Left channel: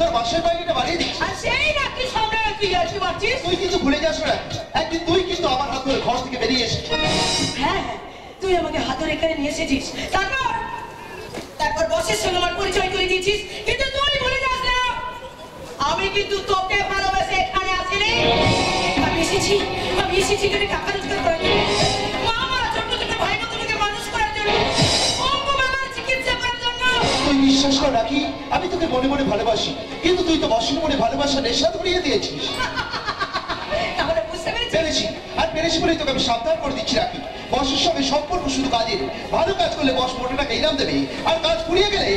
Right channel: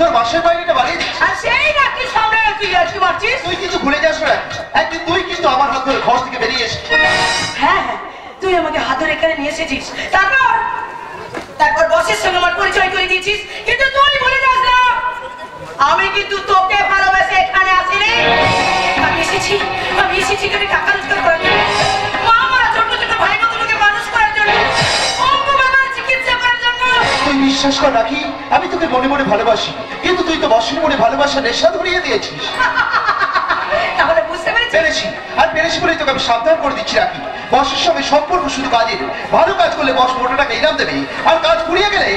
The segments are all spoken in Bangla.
তোর বাসের বাইরেটা বাড়িয়ে দিচ্ছি। আর সেই নাকি সামনে তুই আসি মারছিস। তুই কিন্তু ভুলে যাস না, একদিন তুই কিন্তু আমার হাত ধরে ঘর থেকে বেরিয়ে এসেছিস। হ্যাঁ হ্যাঁ, তুই আমাকে হাত ধরে এখানে নিয়ে এসেছিস, তারপর বসের সঙ্গে আমার পরিচয় করে দিয়েছিস। কিন্তু তুই ভুলে যাস না, আমি কিন্তু তোকে ভালোবেসে এখানে আসিনি। আমি এসেছি এখানে টাকা রোজগার করার জন্য, মা মারা ছোট ছোট ভাই বোনকে মানুষ করার জন্য, অঙ্গু বাবার চিকিৎসা করার জন্য। তুই বিশ্বাস কর রাখি, আমি তোকে মনে মনে ভালোবাসি, কিন্তু তুই তো বসের মনে ভালোবাসা নেশা ধরিয়ে দিয়েছিস। তাহলে বুঝতে পেরেছি, আর পেরেছি বলেই তোকে আমি সাবধান করে দিচ্ছি রাখি, বসের সঙ্গে সম্পর্ক শুধু কাজের। ভালো কাজ করলে বস মোটা টাকা ইনাম দেবে, আর কাজ ফুরিয়ে গেলে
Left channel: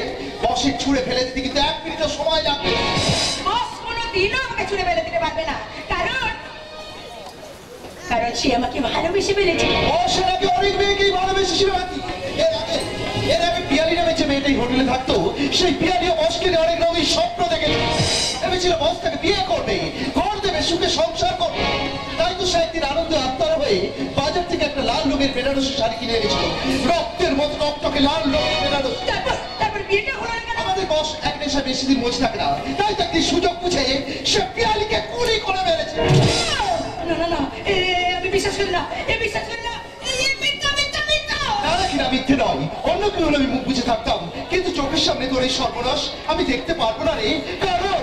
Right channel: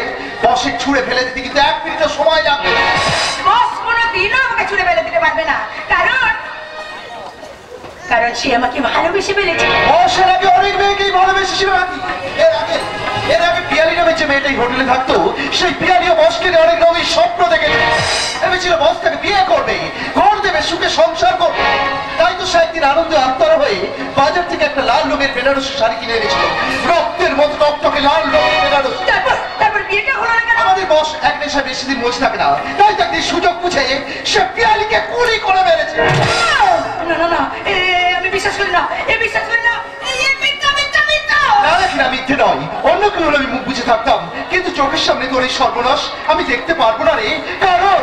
বসের ছুঁড়ে ফেলে দিতে কিন্তু 1 মিনিটও সময় লাগবে। বস কোনোদিনও আমাকে ছুঁড়ে ফেলে দিতে পারবে না, কারণ সে আমাকে ভালোবেসে ফেলেছে। বসের আগে অনেক মেয়েকেই ভালোবেসেছিল রাখি। এর আগে পিয়ালি নামে যে মেয়েটাই হোটেলে থাকতো, সেই পিয়ালিও বসকে অনেক রঙের স্বপ্ন দেখেছে। ভেবেছিল বস তাকে বিয়ে করবে, ঘর দেবে, সুখে সংসার করবে। তাই তো সে একদিন আনন্দে আত্মারা হয়ে বাজার থেকে একটা লাল রঙের বেনারসি শাড়ি কিনে এনেছিল, রক্তের মতো টকটকে লাল রঙের বেনারসি। তারপর বিয়েটা হলো না। আমাদের বস এক নেশা বেশি দিন বসে থাকে না, তাই তাকে সুযোগ বুঝে সে পিয়ালিকে গুলি করে মেরেছে। না না না, আমি বিশ্বাস করি না, বিশ্বাস করি না। না মিথ্যে নয়, অন্য কেউ হলে আমি মুখ বুঝে থাকতাম, কিন্তু চোখের সামনে তোর এই সর্বনাশ আমি দেখতে পারবো না রে। কারণ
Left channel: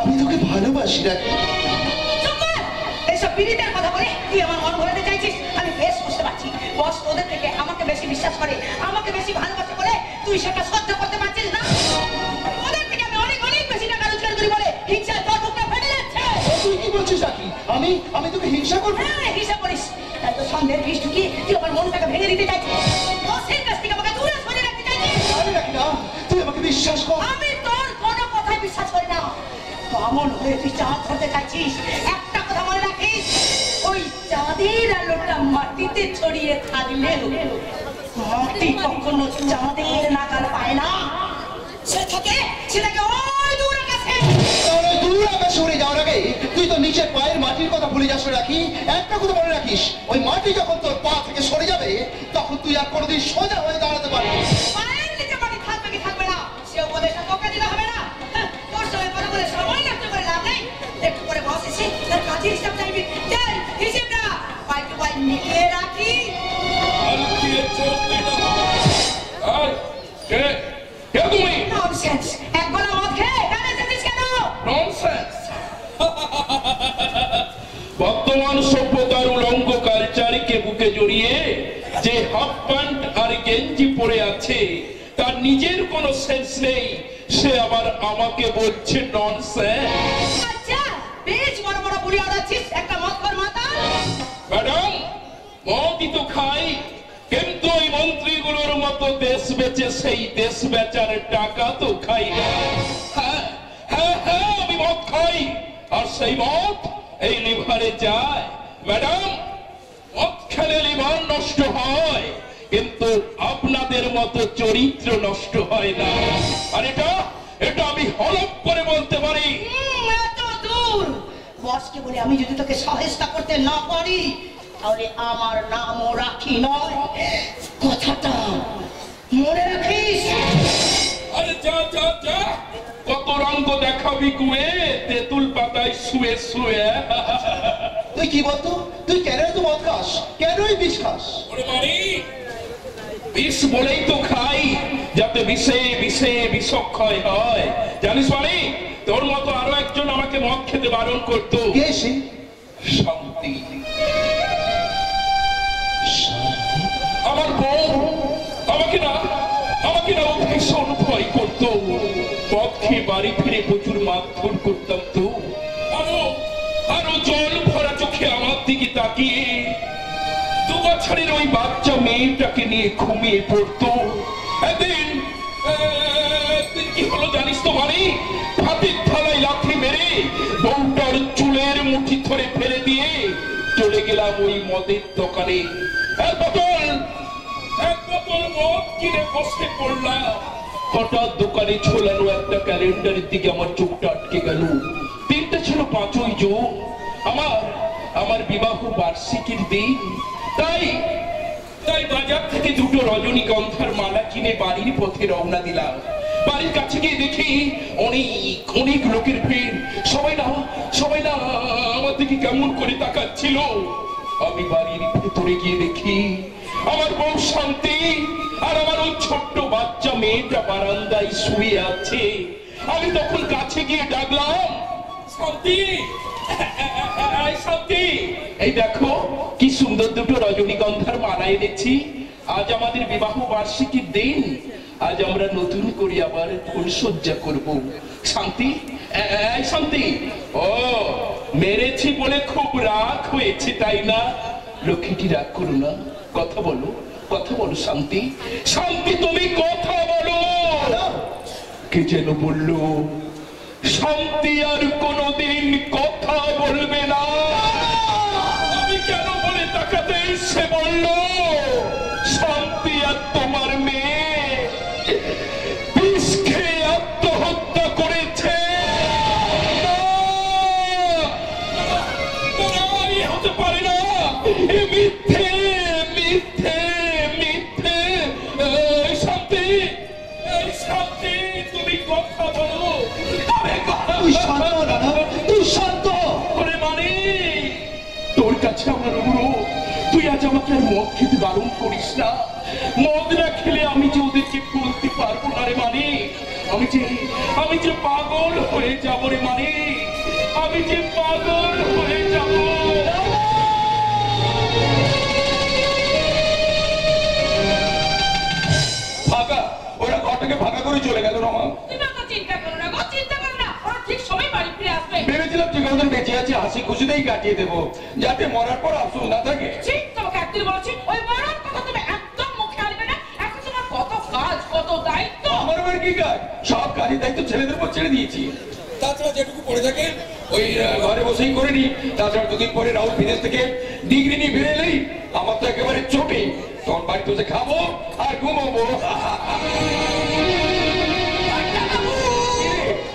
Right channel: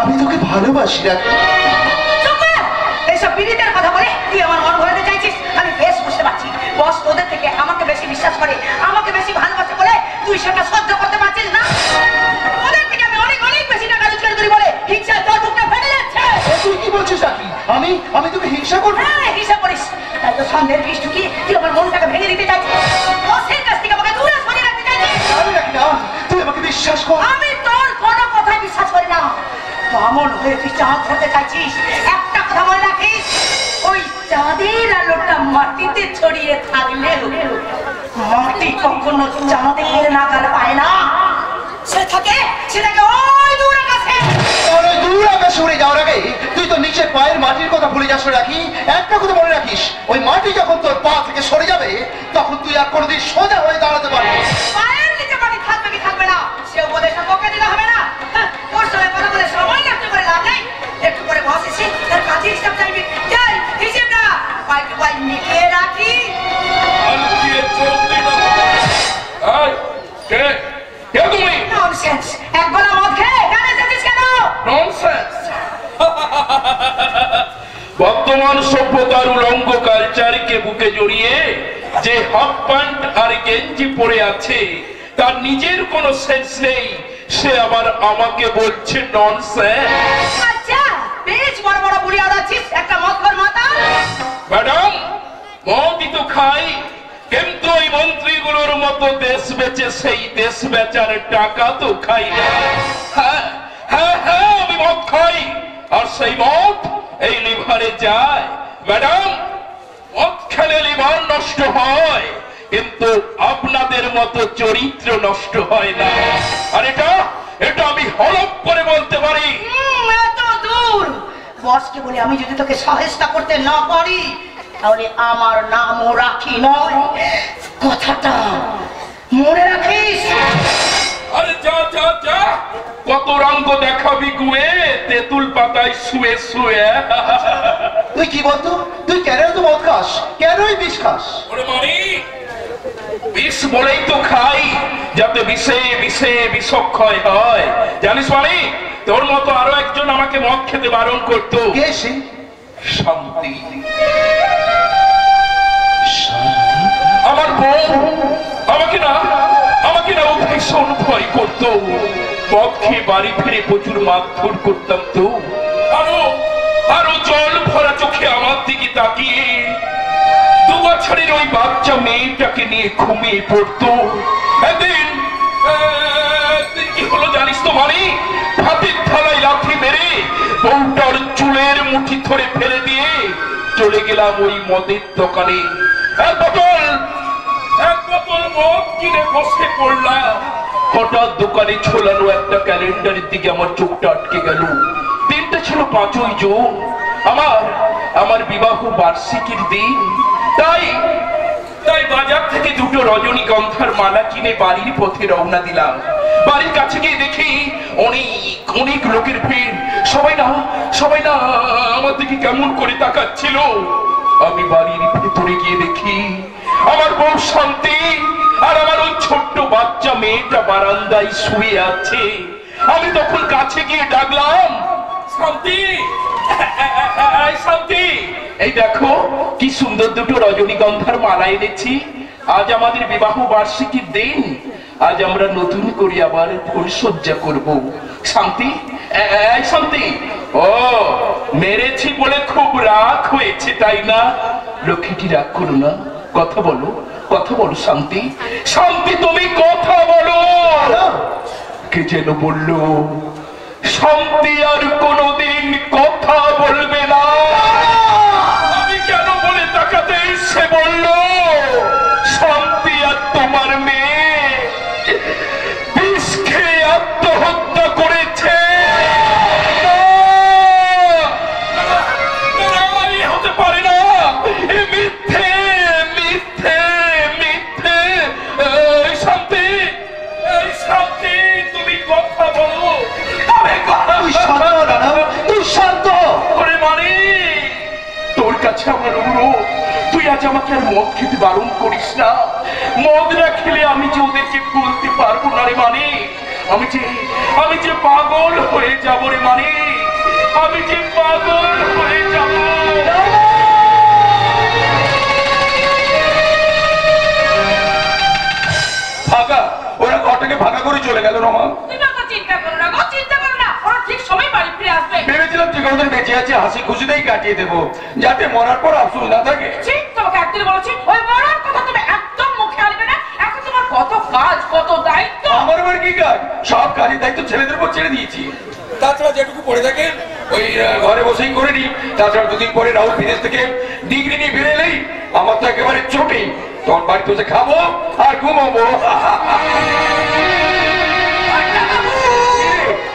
আমি তোকে ভালোবাসি রাখি। এইসব বিড়িটার কথা বলে তুই আমার মন ভরাতে চাইছিস, আমি বেশ বুঝতে পারছি। বস তোদের থেকে আমাকে বেশি বিশ্বাস করে, আমাকে বেশি ভালোবাসে বলে তুই সেটা সহ্য করতে পারছিস না। ওদের থেকে আমি অনেক অনেক বেশি টাকা রোজগার করি বলে হিংসায় তোর বুকটা ফেটে যাচ্ছে। তুই কি বলছিস রাখি? আমি তোকে হিংসা করবো? হ্যাঁ, হিংসা করিস। তাই তো সন্দেহের বিষ ঢুকিয়ে তুই আমার মনটাকে ভেঙে দিতে চাইছিস, বসের কাছ থেকে আমাকে দূরে সরিয়ে রাখতে চাইছিস। রাখি না, তুই আমাকে বিশ্বাস কর। আমি তোর কোনো কথাই বিশ্বাস করি না। কেমন হয়ে তুই চাঁদ ধরতে চাইছিস? একটা কথা মনে রাখিস, ওই চাঁদের আলোটা মাটিতে ছড়িয়ে থাকলে মাটি কখনো চাঁদের নাগাল পায় না। সেটাকে ওই দূর আকাশে। ওই দূর আকাশে উড়ে যাওয়ার আগে তুই তো নিচের পায়ের মাটির কথা ভুলে যাস রাখি। একটা কথা মনে রাখিস, ওই মাটি যখন তোর পা থেকে সরে যাবে, তখন তুই আর কোনোদিন সোজা হয়ে দাঁড়াতে পারবি। পায়ের নিচে মাটি থাকবে কি থাকবে না সে উপদেশ তোকে দিলে হবে না। তোর সঙ্গে কথা বলে সময় নষ্ট করে লাভ নেই। একটু করে বস এসে তার কাজের হিসাব চাইবি। যাই হিসেবটা পাই টু পাই মিলিয়ে রাখি। ননসেন্স, এক গলা মদ খেয়ে গানে যাচ্ছিস কেন? ননসেন্স। বর্তমান সভ্যতার উলঙ্গ কালচারকে বুকে জড়িয়ে যে হাফ প্যান্ট আর গেঞ্জি পরে আছে, তার নিজের কোনো সেন্স নেই, সে আবার আমাকে বলছে ননসেন্স। আচ্ছা, বেশ বড় বড় বুড়ি আড়াচ্ছিস, একটা মদ কর মাথা। ম্যাডাম, মদই তো খাই, কিন্তু ওই মন্ত্রীগুলোর মতো দেশ বেচে সেই দেশ বেচার টাকা তো খাই না। হ্যাঁ হ্যাঁ হ্যাঁ, আমি মদ খাই, আর সেই মদ এই লিভারে যায়। ম্যাডাম, মদ খেলে লিভার নষ্ট হয়, কিন্তু আপনাদের মতো চরিত্র নষ্ট হয় না। আর এটা আমি হলফ করে বলতে পারি। এত দূর বসকে বলে আমি যদি তোকে সহায়তা করতে না পারি, তাহলে আমার নামও রাখি নয়, কথাটা মনে রাখিস। আরে যা যা যা, কত রঙ্গ দেখাবি গুয়ে তেঁতুল পাতায় শুয়ে শুয়ে। তুই কি বলতো? তুই কেন তো মদ খাস? কেনই বিষ খাস? ওরে মারি, বিষ বলেই তো খাই, যাতে বিষে বিষে বিষক্ষয় হয়। জানিস মানে, তোর মতো আরো একজন আমাকে মদ খেতে বারণ করতো। কে সে? শান্তি। আমার বউ আমাকে না ও ভীষণ ভয় করতো। মদ খেয়ে বাড়ি ফিরে প্রচুর মারধর করতাম তো। আরো জল ভরা চোখে আমার দিকে তাকিয়ে 2 বছরের ওই বাচ্চা মেয়েটাকে নিয়ে ঘুমিয়ে পড়তো। একদিন কি হলো জানিস তো মানে, হাতের থালায় লাথি মেরে বউটার চুলের মুঠি ধরে ফেলে দিয়ে চলে গেলাম ওই মদের দোকানে। এক বোতল মদ কিনে বসে পড়লাম। হঠাৎ দোকানে ঝোলানো একটা ক্যালেন্ডারের দিকে আমার চোখটা আটকে গেল। দিনটা ছিল 5ই জুন, আমার বিবাহ বার্ষিকীর দিন। তাই বাজার থেকে 2টো রজনীগন্ধার মালা কিনে বাড়ির পথে রওনা দিলাম। বাড়ির কাছে গিয়ে দেখি অনেক অনেক লোকের ভিড়। সবাই না আমার দিকে কেমন করে তাকাচ্ছিল। আমি বাড়ির ভেতরে গিয়ে দেখি আমার বউ শান্তি আর আমার ওই ছোট্ট বাচ্চা মেয়েটা বারান্দায় শুয়ে আছে। আমি তখন কাছে গিয়ে ডাকলাম, শান্তি, শান্তি, এই দেখো কি সুন্দর দুটো রজনীগন্ধার মালা এনেছি। আজ আমাদের বিবাহ বার্ষিকীর দিন। আজ আমরা নতুন করে আবার ফুলসজ্জা করব। শান্তি, এই শান্তি, ও মেরেছি বলে খুব রাগ হয়েছে তাই না? লক্ষ্মীটি রাগ করো না, কথা বলো, কথা বলো শান্তি। শান্তি তুমি কথা বলো। কে যেন বললো শান্তি আর কোনোদিন কথা বলবে না। আমি কেন বলে তাকাতে সে বলল শান্তি আর তোমার মেয়ে বিষ খেয়ে আত্মহত্যা করেছে। হতে পারে না, এ মিথ্যে মিথ্যে মিথ্যে। শান্তি, এই শান্তি তুমি কথা বলো। তোর কাছে আমার অনুরোধ, তুই আজ আমাকে আর মদ খেতে বারণ করিস না। মদ না খেলে আমি যে ওদেরকে ভুলতে পারবো না রে মানিক। আমি যে পাগল হয়ে যাব রে মানিক, আমি যে পাগল হয়ে যাব। ভাগা, ওরা ঘরটাকে ভাগা করে চলে গেল। রমা চিন্তা করো না, ওরা ঠিক সময় বাড়ি ফিরে আসবে। ভেবেছিলাম ঠিক ওদের বেঁচে আছে, হাসি খুশিতেই কাটিয়ে দেবো, যাতে মরার পর আফসোস না থাকে। ঠিক তোমাকে একদিন বলেছি, ওই মরার কথা তুমি একদম মুখে আনবে না। এখন তোমার কত কাজ, কত দায়িত্ব। আমার আবার কি কাজ? সব কাজের দায়িত্ব ছেলেদের উপর ছেড়ে দিয়েছি। তাছাড়া যেটুকু পড়ে থাকে ওই ঘরে বসেই করে নি। তাছাড়া দুদিন পরে রাহুল বিদেশ থেকে ডিগ্রি নিয়ে ফিরে এলেই আমার তো একেবারে ছুটি। তখন বাড়িতে বসে খাবো আর ঘুমাবো।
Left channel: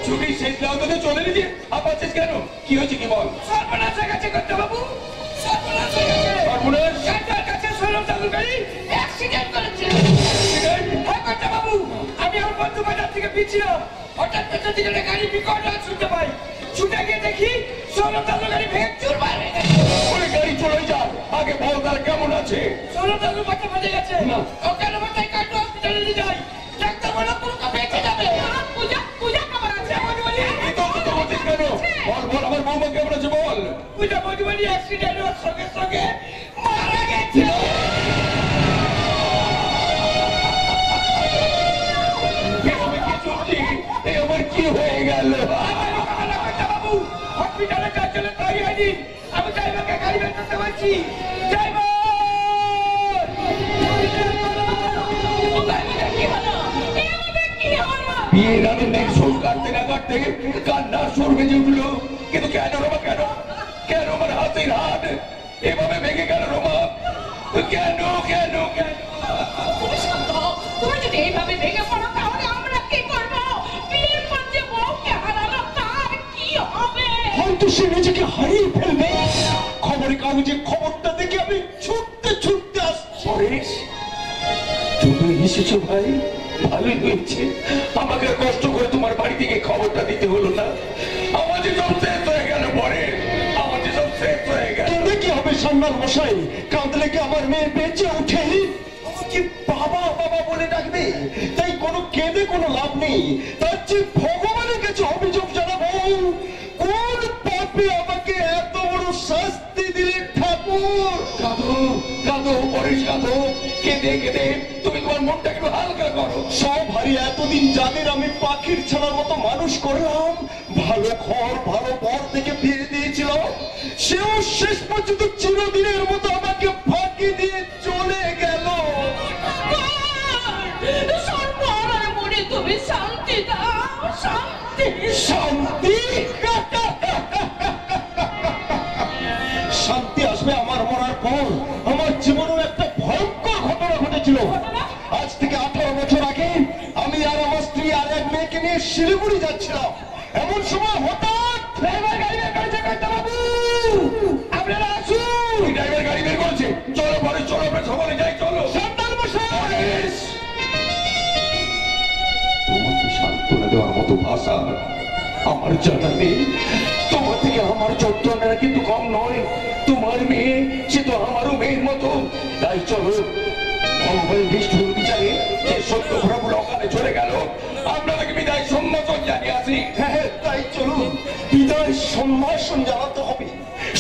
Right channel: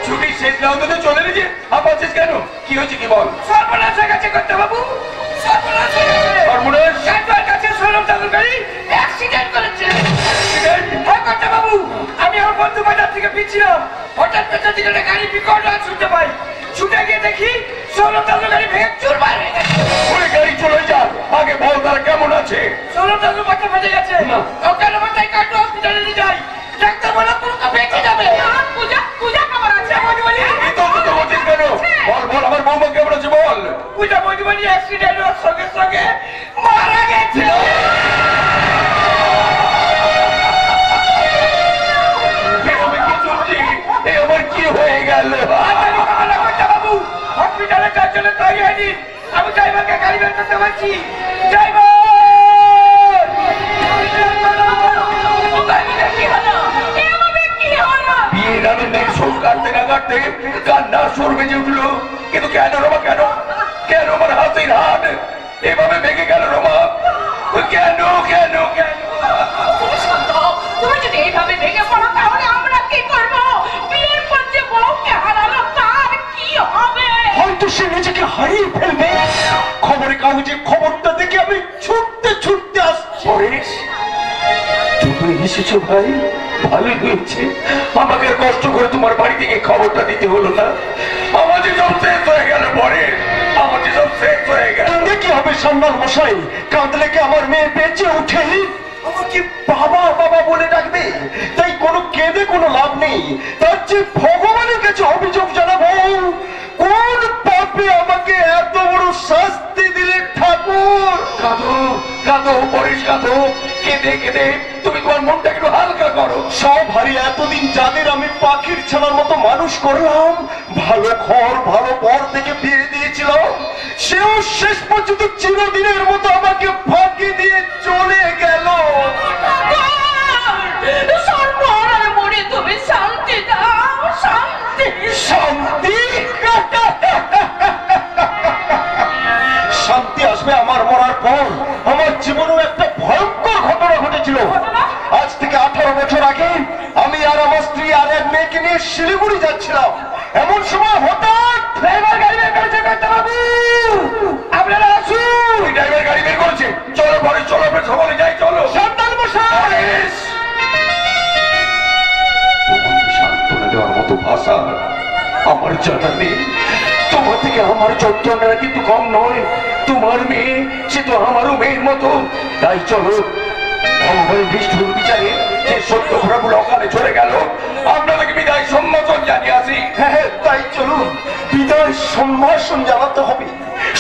ছুটি শেষ না হতে তো চলে গেছে, আপাচ্ছিস কেন? কি হয়েছে কি বল? সর্বনাশ হয়ে গেছে করতে বাবু, সর্বনাশ হয়ে গেছে। সর্বনাশ? কাজের কাছে সরম চালুকারী অ্যাক্সিডেন্ট করেছে। অ্যাক্সিডেন্ট? হ্যাঁ করতে বাবু, আমি আমার বন্ধু বাজার থেকে ফিরছিলাম, হঠাৎ পেছন দিকে একটা গাড়ি বিকট আওয়াজ শুনতে পাই। ছুটে গিয়ে দেখি সরম চালুকারী ভেঙে চুরমার হয়ে গেছে। ওই গাড়ি চলে যান, আগে বল তারা কেমন আছে? সরম চালু মাথা ফেটে গেছে, ওকে মাথায় কাটো, হসপিটালে নিয়ে যাই। ডাক্তার বলে পুরো বেঁচে যাবে। পূজা পূজা কেমন আছে? এই তো বলছিস কেন? বল বল, আমার বৌমা কেমন আছে বল। পূজা বৌদিবাড়ি অ্যাক্সিডেন্ট হওয়ার সঙ্গে সঙ্গে মারা গেছে। আমার কি হয়ে গেল? বাবু হসপিটালে যার জন্য তৈরি হয়নি। আমি ড্রাইভারকে গাড়ি বের করতে পারছি। ড্রাইভার বিয়ের আনন্দের শোক কাটতে না কাটতে কান্নার সুর বেজে উঠলো। কিন্তু কেন রমা, কেন কেন আমার হাতের হাত এভাবে ভেঙে গেল রমা? কেন কেন কেন? তুমি যদি এইভাবে ভেঙে পড়ো তাহলে আমরা কি করবো? বিয়ের পর যে বউকে হারালো তার কি হবে? হয়তো সে নিজেকে হারিয়ে ফেলবে। খবরের কাগজে খবরটা দেখে আমি ছুটতে ছুটতে আসছি। তুমি এসেছো ভাই, ভালোই হয়েছে। আমাকে কষ্ট করে তোমার বাড়ি থেকে খবরটা দিতে হলো না। আমাদের সব শেষ হয়ে গেল পরে, আমাদের সব শেষ হয়ে গেল। কি হবে সান্নাল মশাই? কাঁদলে কি আমার মেয়ে বেঁচে উঠে আমাকে বাবা বাবা বলে ডাকবে? তাই কোনো কেঁদে কোনো লাভ নেই। তার চেয়ে ভগবানের কাছে অভিযোগ জানাবো। কোন পাপে আমাকে এত বড় শাস্তি দিলে ঠাকুর? কাঁদো কাঁদো পরেশ, কাঁদো। কেঁদে কেঁদে তুমি তোমার মনটা একটু হালকা করো। সব হারিয়ে এতদিন যাদের আমি পাখির ছানার মতো মানুষ করলাম, ভালো ঘর ভালো পর থেকে বিয়ে দিয়েছিলাম, সেও শেষ পর্যন্ত চিরদিনের মতো আমাকে ফাঁকি দিয়ে চলে গেল। তুমি শান্তি দাও, শান্তি। শান্তি? শান্তি আসবে আমার মরার পর। আমার জীবনেও একটা ভয়ঙ্কর ঘটনা ঘটেছিল। আজ থেকে 18 বছর আগে আমি আর আমার স্ত্রী আর এক মেয়েকে নিয়ে শিলিগুড়ি যাচ্ছিলাম। এমন সময় হঠাৎ ড্রাইভার গাড়ি বের করেছে। বাবু আপনারা আসুন। ড্রাইভার গাড়ি বের করেছে, চলো পরে, চলো আমরা সকলে যাই, চলো। সান্তাল মশাই, তোমার কি চোদ্দটা কিন্তু কম নয়, তোমার মেয়ে সে তো আমারও মেয়ের মতো। তাই চলো ভগবানের নিষ্ঠুর বিচারে যে সত্য ঘোড়াগুলো অকালে চলে গেল, আপনাদেরকে বিদায় সম্ভাষণ জানিয়ে আসি। হ্যাঁ, তাই চলুন, বিদায় সম্ভাষণ জানাতে হবে।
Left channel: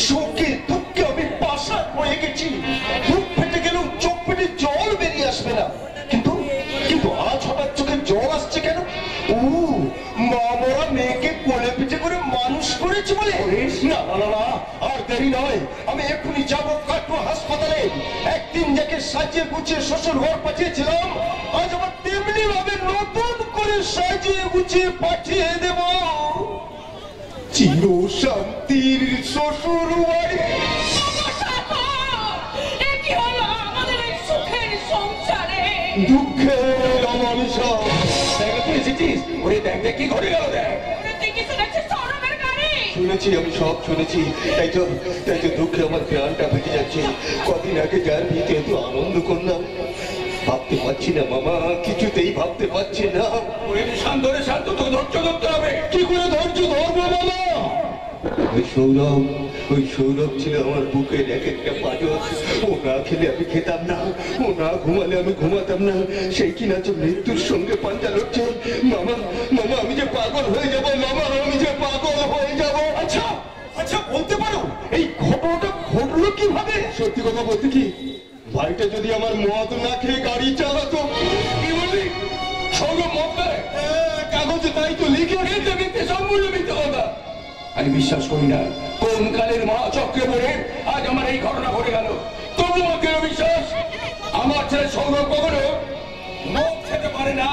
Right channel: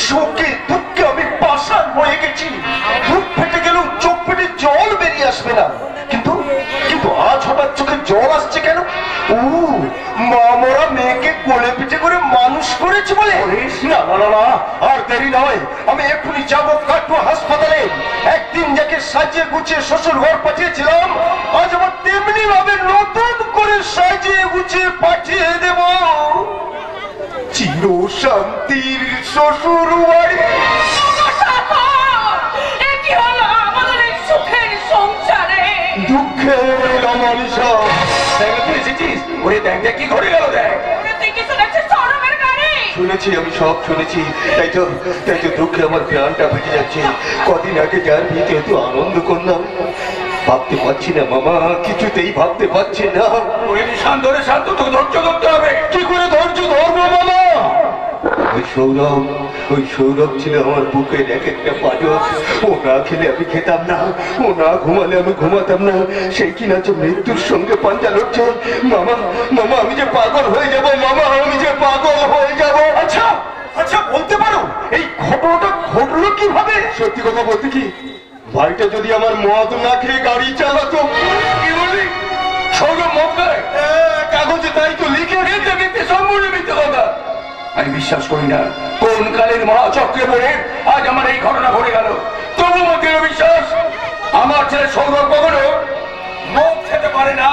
সুখে দুঃখে আমি পাষাণ হয়ে গেছি, বুক ফেটে গেলেও চোখ ফেটে জল বেরিয়ে আসবে না। কিন্তু কিন্তু আজ হঠাৎ চোখে জল আসছে কেন? ও, মা মরা মেয়েকে কোলে পিঠে করে মানুষ করেছে বলে? না না না না, আর দেরি নয়, আমি এক্ষুনি যাবো কাটোয়া হাসপাতালে। একদিন যাকে সাজিয়ে গুছিয়ে শ্বশুর ঘর পাঠিয়েছিলাম, আজ আবার তেমনি ভাবে নতুন করে সাজিয়ে গুছিয়ে পাঠিয়ে দেব চির শান্তির শ্বশুর বাড়ি। দুঃখের অমানিসা তুই এসেছিস? ওরে দেখ দেখ কি ঘটে গেল, দেখ। শুনেছি, আমি সব শুনেছি, তাই তো দুঃখে আমার প্রাণটা বেঁচে যাচ্ছে। কদিন আগে যার বিয়েতে এত আনন্দ করলাম, ভাবতে পারছি না মামা, কিছুতেই ভাবতে পারছি না। ওই শান্ত রে শান্ত, তোকে ধৈর্য ধরতে হবে। কি করে ধৈর্য ধরবো মামা? ওই সৌরভ ছিল আমার বুকের এক একটা পাজর। ও না খেলে আমি খেতাম না, ও না ঘুমালে আমি ঘুমাতাম না। সেই কিনা যে মৃত্যুর সঙ্গে পাঞ্জা লড়ছে। মামা মামা, আমি যে পাগল হয়ে যাব মামা, আমি যে পাগল হয়ে যাব। আচ্ছা আচ্ছা, বলতে পারো এই ঘটনাটা ঘটলো কিভাবে? সত্যি কথা বলতে কি, ভাইটা যদি আমার মদ না খেয়ে গাড়ি চালাতো। কি বললি? সৌরভ মদ খায়? কাগজে তাই তো লিখে। মিথ্যে, সম্পূর্ণ মিথ্যে কথা। আমি বিশ্বাস করি না কোন কালের মহাচক্রে পড়ে আজ আমার এই ঘটনা ঘটে গেল। তবু মধ্যে বিশ্বাস, আমার ছেলে সৌরভ কখনো মদ খেতে পারে না।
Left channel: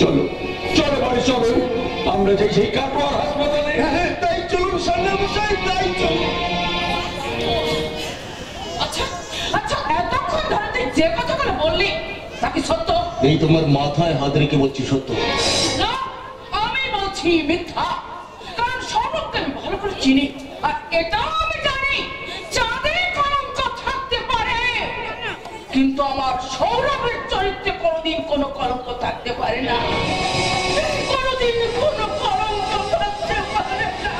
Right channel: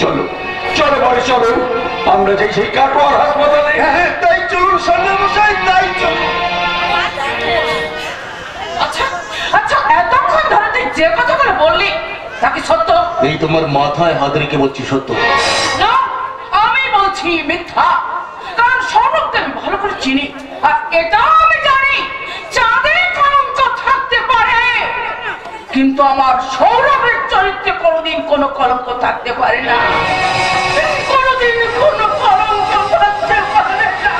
চলো চলো ভাই, চলো আমরা যাই সেই কাটোয়ার হাসপাতালে। হ্যাঁ, তাই চলুন সন্ন্যাল মশাই, তাই চলুন। আচ্ছা আচ্ছা, এতক্ষণ ধরে তুই যে কথাগুলো বললি তা কি সত্য? এই তোমার মাথায় হাত রেখে বলছি সত্য। না, আমি বলছি মিথ্যা। কারণ সৌরভকে আমি ভালো করে চিনি, আর এটাও আমি জানি চাঁদে কলঙ্ক থাকতে পারে, কিন্তু আমার সৌরভের চরিত্রে কোনোদিন কোনো কলঙ্ক থাকতে পারে না। কোনোদিন কোনো কলঙ্ক থাকতে পারে না,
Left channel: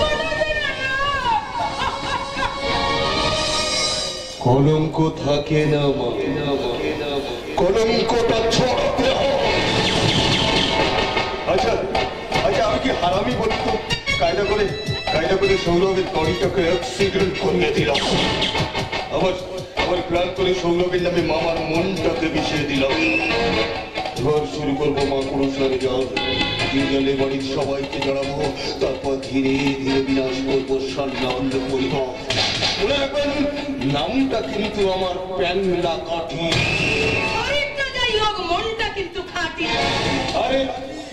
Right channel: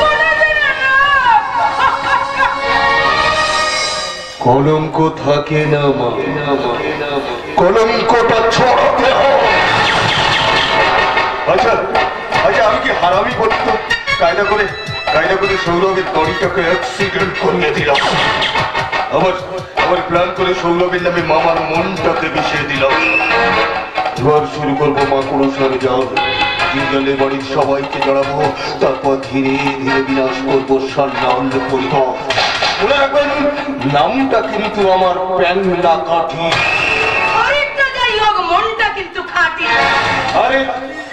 কোনোদিন না। কলঙ্ক থাকে না মা, কলঙ্কটা ছড়াতে হয়। আচ্ছা আচ্ছা, আমি কি হারামি বলি তো? কায়দা করে সৌরভের গাড়িটাকে অ্যাক্সিডেন্ট করিয়ে দিলাম। আমার প্ল্যান করে সৌরভের নামে মামার মনটাকে মিশিয়ে দিলাম। এবার শুরু করবো মাকড়সার জাল। জিঙ্গলের বাড়ির সবাইকে জড়াবো, তারপর ধীরে ধীরে বিনাশ করবো সান্নাল পরিবার। মনে রাখবেন, নামটা কিন্তু আমার প্যান্ডা কাঠি। মনটা কিন্তু খাঁটি। আরে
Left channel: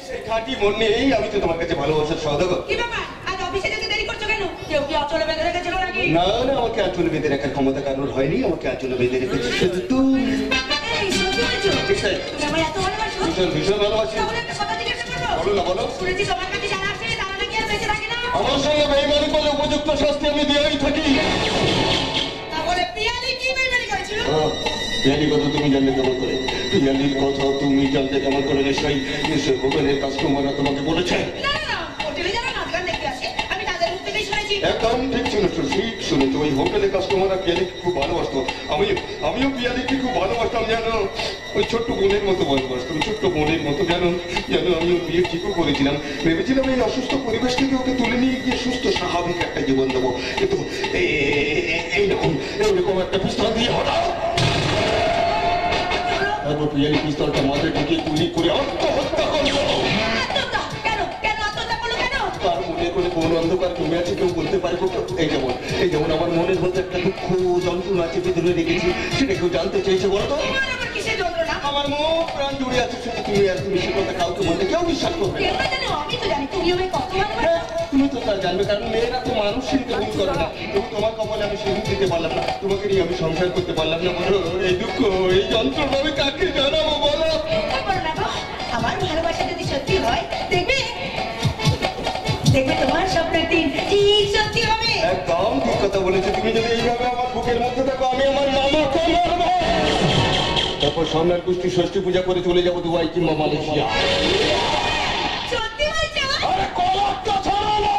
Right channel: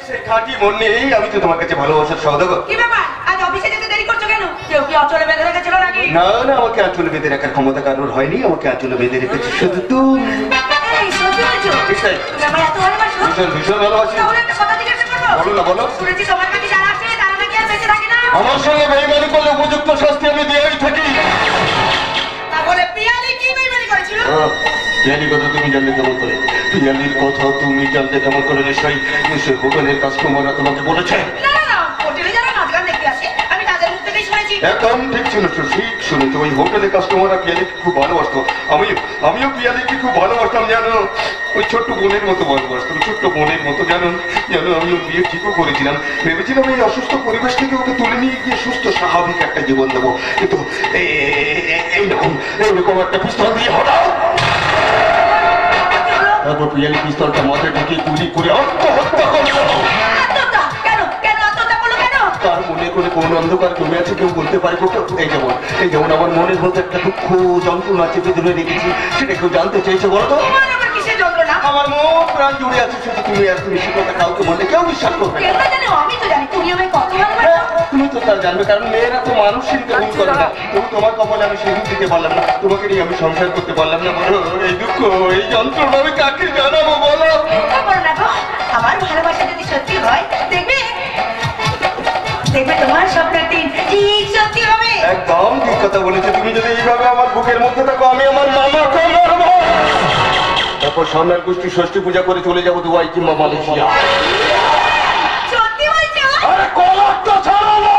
সেই খাঁটি মন নেই, আমি তো তোমার কাছে ভালোবাসার সওদাগর। কি ব্যাপার, আজ অফিসে যেতে দেরি করছো কেন? কেউ কি অচলে বেঁধে রেখেছিল নাকি? না না, আমাকে আঁচলে বেঁধে রাখার ক্ষমতা কারোর হয়নি, আমাকে আঁচলে বেঁধে রেখেছি শুধু তুমি। এই সত্যি বলছো? ঠিক তাই, তুমি আমায় এত ভালোবাসো? ভীষণ ভীষণ ভালোবাসি। তাহলে একটা কথা জিজ্ঞাসা করবো? বলো না, বলো। শুনেছি তোমার কাছে যারা আসে তারা নাকি আর বেঁচে থাকে না। আমার সঙ্গে বেইমানি করলে উপযুক্ত শাস্তি আমি দিয়েই থাকি। তাহলে পিয়ালি কি বেইমানি করেছিল? পিয়ালির কথা তুমি জানলে কেমন করে? পিয়ালির কথা তুমি জানলে কেমন করে? নিশ্চয়ই হোটেলের কাস্টমাররা তোমাকে বলেছে। না না না, হোটেলে যারা নাচ গান দেখতে আসে আমি তাদের মুখ থেকেই শুনেছি। একদম ঠিক শুনেছো, ঠিক শুনেছো। ওই হোটেলে কাস্টমাররা পিয়ালিকে খুব ভালোবাসতো। আমিও পিয়ালিকে খুব ভালোবাসতাম, জানো। ওই ছোট্ট বোনের মতো ভালোবাসতাম, ছোট্ট বোনের মতো। জানো আমি ওর বিয়ে ঠিকও করেছিলাম। ভেবেছিলাম এই অসুস্থ পরিবেশ থেকে ওকে তুলে নিয়ে গিয়ে সুস্থ স্বাভাবিক একটা জীবন দেবো। কিন্তু এইরকম একটা পিস্তল দিয়ে হঠাৎ, তারপর পিয়ালি পিস্তলটা মাথায় ঢুকিয়ে গুলি করে আত্মহত্যা করলো। তার মনে করে কোন অন্ধকার জমে আছে, কেউ বলতে পারে। এই যেমন আমার মনের মধ্যে একটা দুঃখ যন্ত্রণা চেপে ধরে রেখেছি, সেটা কেউ জানতে চাইছে বলো তো? আমার মন প্রাণ জুড়ে আছে শুধু তুমি আর তুমি। সে কথা কাউকে বললে কেউ বিশ্বাস করবে না। তুমি তো তার জানবে, কারণ মেয়েরা তো মানুষের ভুল করে না। তবু তোমার কপালে আমি সিঁদুর দিতে পারলাম না, তোমাকে নিয়ে আমি সংসার করতে পারলাম না। বলো, এই দুঃখ এই যন্ত্রণা আমি কাকে জানাবো বলো? আমার ভালোবাসা যদি সত্যি হয়, দেখবে তোমার স্বপ্নের দিন ঠিক সত্যি হবে। একদম ঠিক কথা বলেছো তুমি। যদি এইভাবে আমার বুকের মধ্যে থাকো, আমি আমার মামাকে মারবো। তারপর সামনের গোষ্ঠী ষষ্ঠী পূজা করে চলে যাবো দুবাই কিংবা মালয়েশিয়া। সত্যি বলছো? আরে কলারটা ছাড়ালো।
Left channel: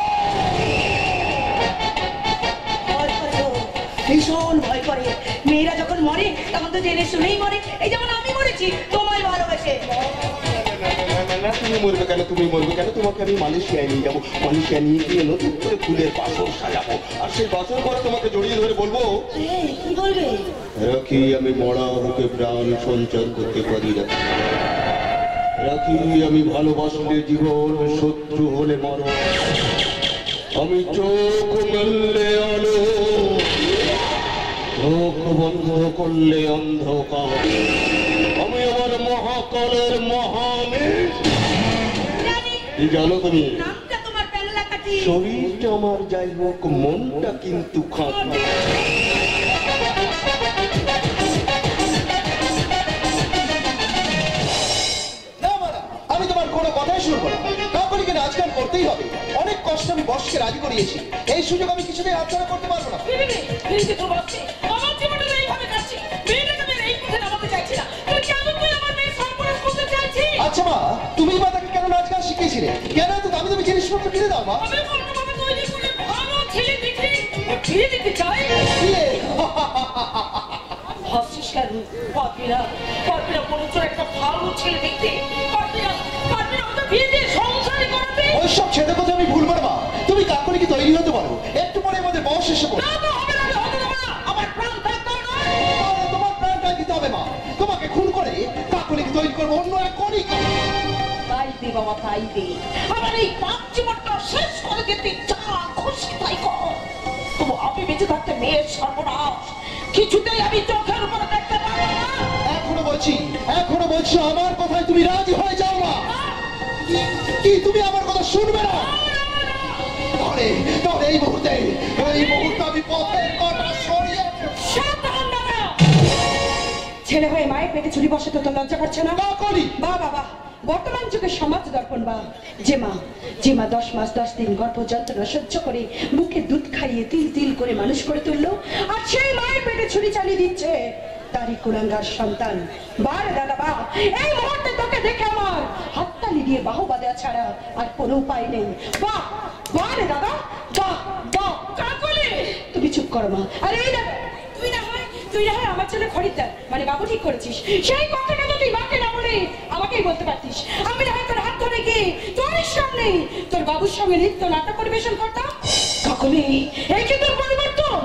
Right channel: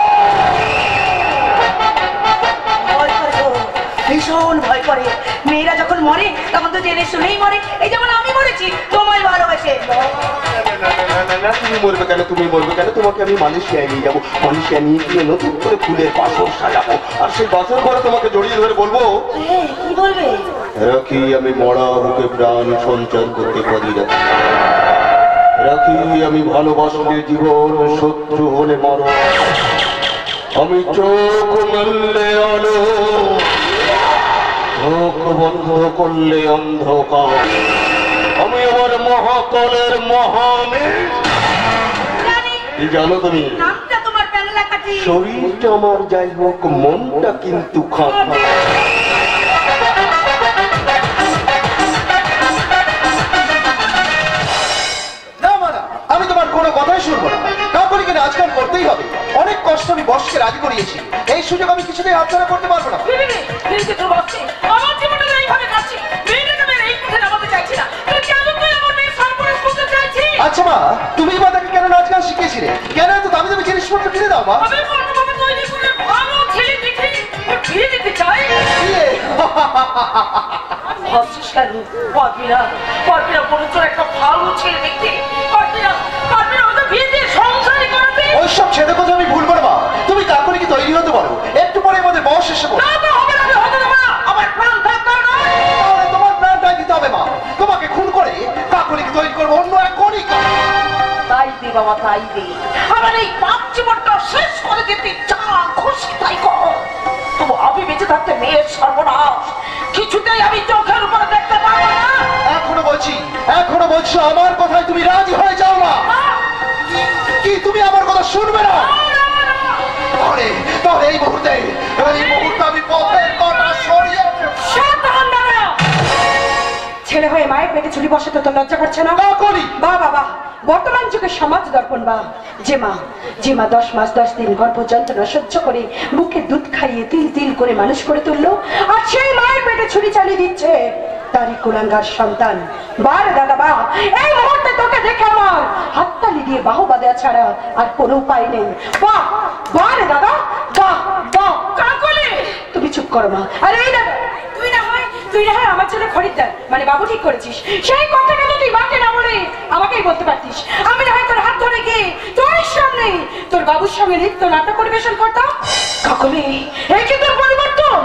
করে। মেয়েরা যখন মরে তখন তো জেনে শুনেই মরে, এই যেমন আমি মরেছি তোমায় ভালোবেসে। না, তুমি মরবে কেন? তুমি মরবে কেন? তোমাকে আমি মালয়েশিয়ায় নিয়ে যাবো। মালয়েশিয়া নিয়ে গিয়ে নতুন করে ফুলের বাসর সাজাবো, আর সেই বাসর করে তোমাকে জড়িয়ে ধরে বলবো, কি বলবে? রাখি আমি মরা বুকে প্রাণ সঞ্চার করতে পারি না, রাখি আমি ভালোবাসলে জীবন, শত্রু হলে মর, আমি চোখ মেললে আলো, চোখ বন্ধ করলে অন্ধকার, আমি আমার মহাকালের মহামেঘ। কি জানো তুমি? নামটা তোমার বাংলা কাটি। শরীরটা আমার যাই হোক, মনটা কিন্তু খাঁটি। আমি তোমার কোনো কথাই শুনবো না। কাকুলিকে নাচগান করতেই হবে। অনেক কষ্ট আমি বসকে রাজি করিয়েছি, এই সুযোগ আমি কিছুতেই হাতছাড়া করতে পারবো না। আমার জীবনটা এইভাবে কাটছে, মেয়েটাকে আমি এই পথে নামাতে চাইছি না। তুই কেন তুই আমার মেয়ের সর্বনাশ করতে চাইছিস? আচ্ছা মা, তুমি বা তাকে কেন নাচ গান শিখিয়েছিলে? কেন এত দামি দামি জিনিসপত্র কিনে দাও মা? আমি কোনোভাবে তৈরি করে ভালো ছেলে দেখে বিয়ে দিতে চাই। ভাবছিস কেন? পারবিনা, পারবিনা বলছো একটা ভালো ছেলে দেখতে, পারবিনা, পারবিনা ওটা বিয়ে দিয়ে সংসারই করাতে। ওইসব ছেলে কথা আমি ভুলবো না মা, তুমি কাকুলিকে তৈরি হতে পারো, একটু পরে আমাদের বয়স এসে পড়ো। না তো হবে না, আমি হতে দেবো না, আমার প্রাণ থাকতে হবে না। তাহলে তোমার প্রাণটা দিতে হবে মা, তোমাকে খুন করে কাকুলিকে তৈরি করবো অন্য এক কণিকা। তাই দে বাবা, তাই দে। আমার এই পাপ জীবনটা শেষ করে দিতে যা খুশি তাই কর। তবু আমি বেঁচে থাকতে মেয়ের সর্বনাশ কিছুতেই আমি চোখের উপরে দেখতে পাবো না। এখনো বলছি আমার কথায় তুমি রাজি হয়ে যাও না? কি তুমি আমার কথা শুনবে না? তাহলে এই মুহূর্তে আমি পথের কথা সরিয়ে ছেলে হয়ে মায়ের পেটে ছুরি বসাতে তো লজ্জা করছে না? করি বা বাবা, বর্তমান যুগে সমাজ দর্পণ বা যে মা 10 মাস 10 দিন গর্ভ যন্ত্রণা সহ্য করে বুকে দুধ খাইয়ে তিল তিল করে মানুষ করে তুললো, আর সেই মায়ের পেটে ছুরি চালিয়ে দিচ্ছে তারই কুলাঙ্গার সন্তান। বারে দাদা বা, এই মুহূর্তে তোকে দেখে আমার হাততালি দিয়ে বাহুবা দেওয়া ছাড়া আর কোনো উপায় নেই। বাহ বারে দাদা, বাহ বাহ। কাকলি, তুমি চুপ করো মা। আরে এই দাদা, তুই না হয় আমার জন্য খরিদ্দার মানে বাবু ঠিক করেছিস, সেই কথা কিন্তু তুই মাকে না বলে আমাকেই বলতে পারতিস। আমি না হয় তোর হাত ধরে গিয়ে তোর সামনে তোর বাবুর সঙ্গে নৃত্য নাটক পরিবেশন করতাম। কাকলি, এই কি তোর পরিবর্তন?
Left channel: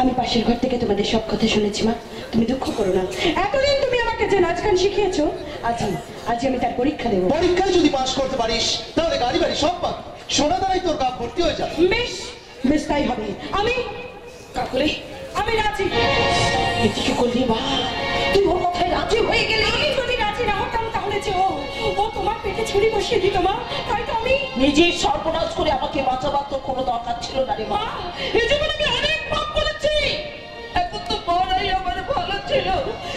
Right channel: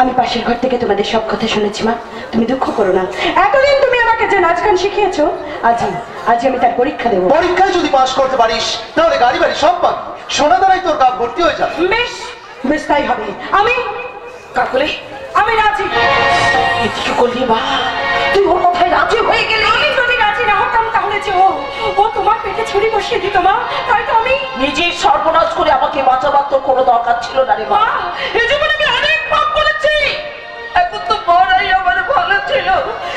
আমি পাশের ঘর থেকে তোমাদের সব কথা শুনেছি মা, তুমি দুঃখ করো না। এতদিন তুমি আমাকে যে নাচ গান শিখিয়েছো, আজ আমি তার পরীক্ষা দেবো। পরীক্ষায় যদি পাশ করতে পারিস তাহলে গাড়ি বাড়ি সব পাবি, সোনা দ্বারাই তোর কাজ ভর্তি হয়ে যাবে। বেশ বেশ, তাই হবে। কাকলি, আমি রাজি। এদিকে করলি বা, তুই ওর কথায় রাজি হয়ে গেলি। আমি যদি রাজি না হতাম তাহলে যে ও তোমার পেটে ছুরি বসিয়ে দিত মা, তাই তো আমি নিজের সর্বনাশ করে আমাকে বাঁচাবার তো কোনো দরকার ছিল না রে মা। এই জীবনে আমি অনেক পাপ করেছি, এখন তো বড়াই আমার ভালো ছিল।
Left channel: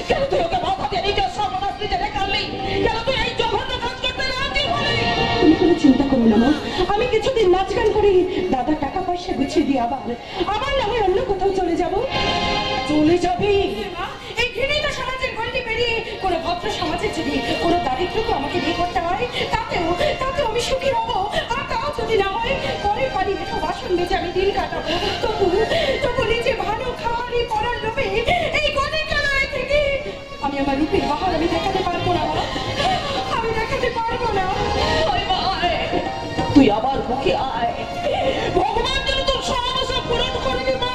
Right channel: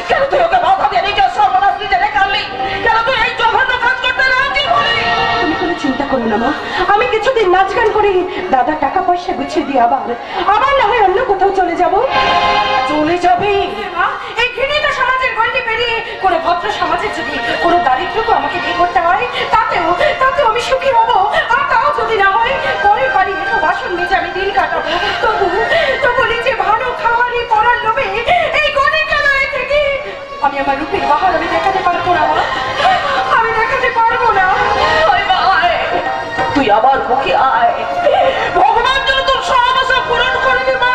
কেন তুই ওকে বাধা দিয়ে নিজের সর্বনাশ নিজে রেখালি? কেন তুই এই জঘন্য কাজ করতে রাজি হলি? তুমি কোনো চিন্তা করো না মা, আমি কিছুদিন নাচ গান করে দাদা টাকা পয়সা গুছিয়ে দিয়ে আবার না হয় অন্য কোথাও চলে যাব। চলে যাবি? এই ঘৃণিত সমাজের গণ্ডি পেরিয়ে কোনো ভদ্র সমাজের যদি কোনো দারিদ্রকে আমাকে বিয়ে করতে হয়, তাতেও আমি সুখী হব। আর তাও যদি না হয় পরের বাড়ি এটো বাসন মেজে আমি দিন কাটাবো, তবু নিজে ভালো খাওয়ারই পড়ার লোভে এই গণিকালয় থেকে আমি আমার রূপের বাহার আমি দেখাতে পারবো না মা, আমি দেখাতে পারবো না। তুই আবার বুকে আয়, ভগবান যেন তোর সব আশা পূরণ করে দে মা,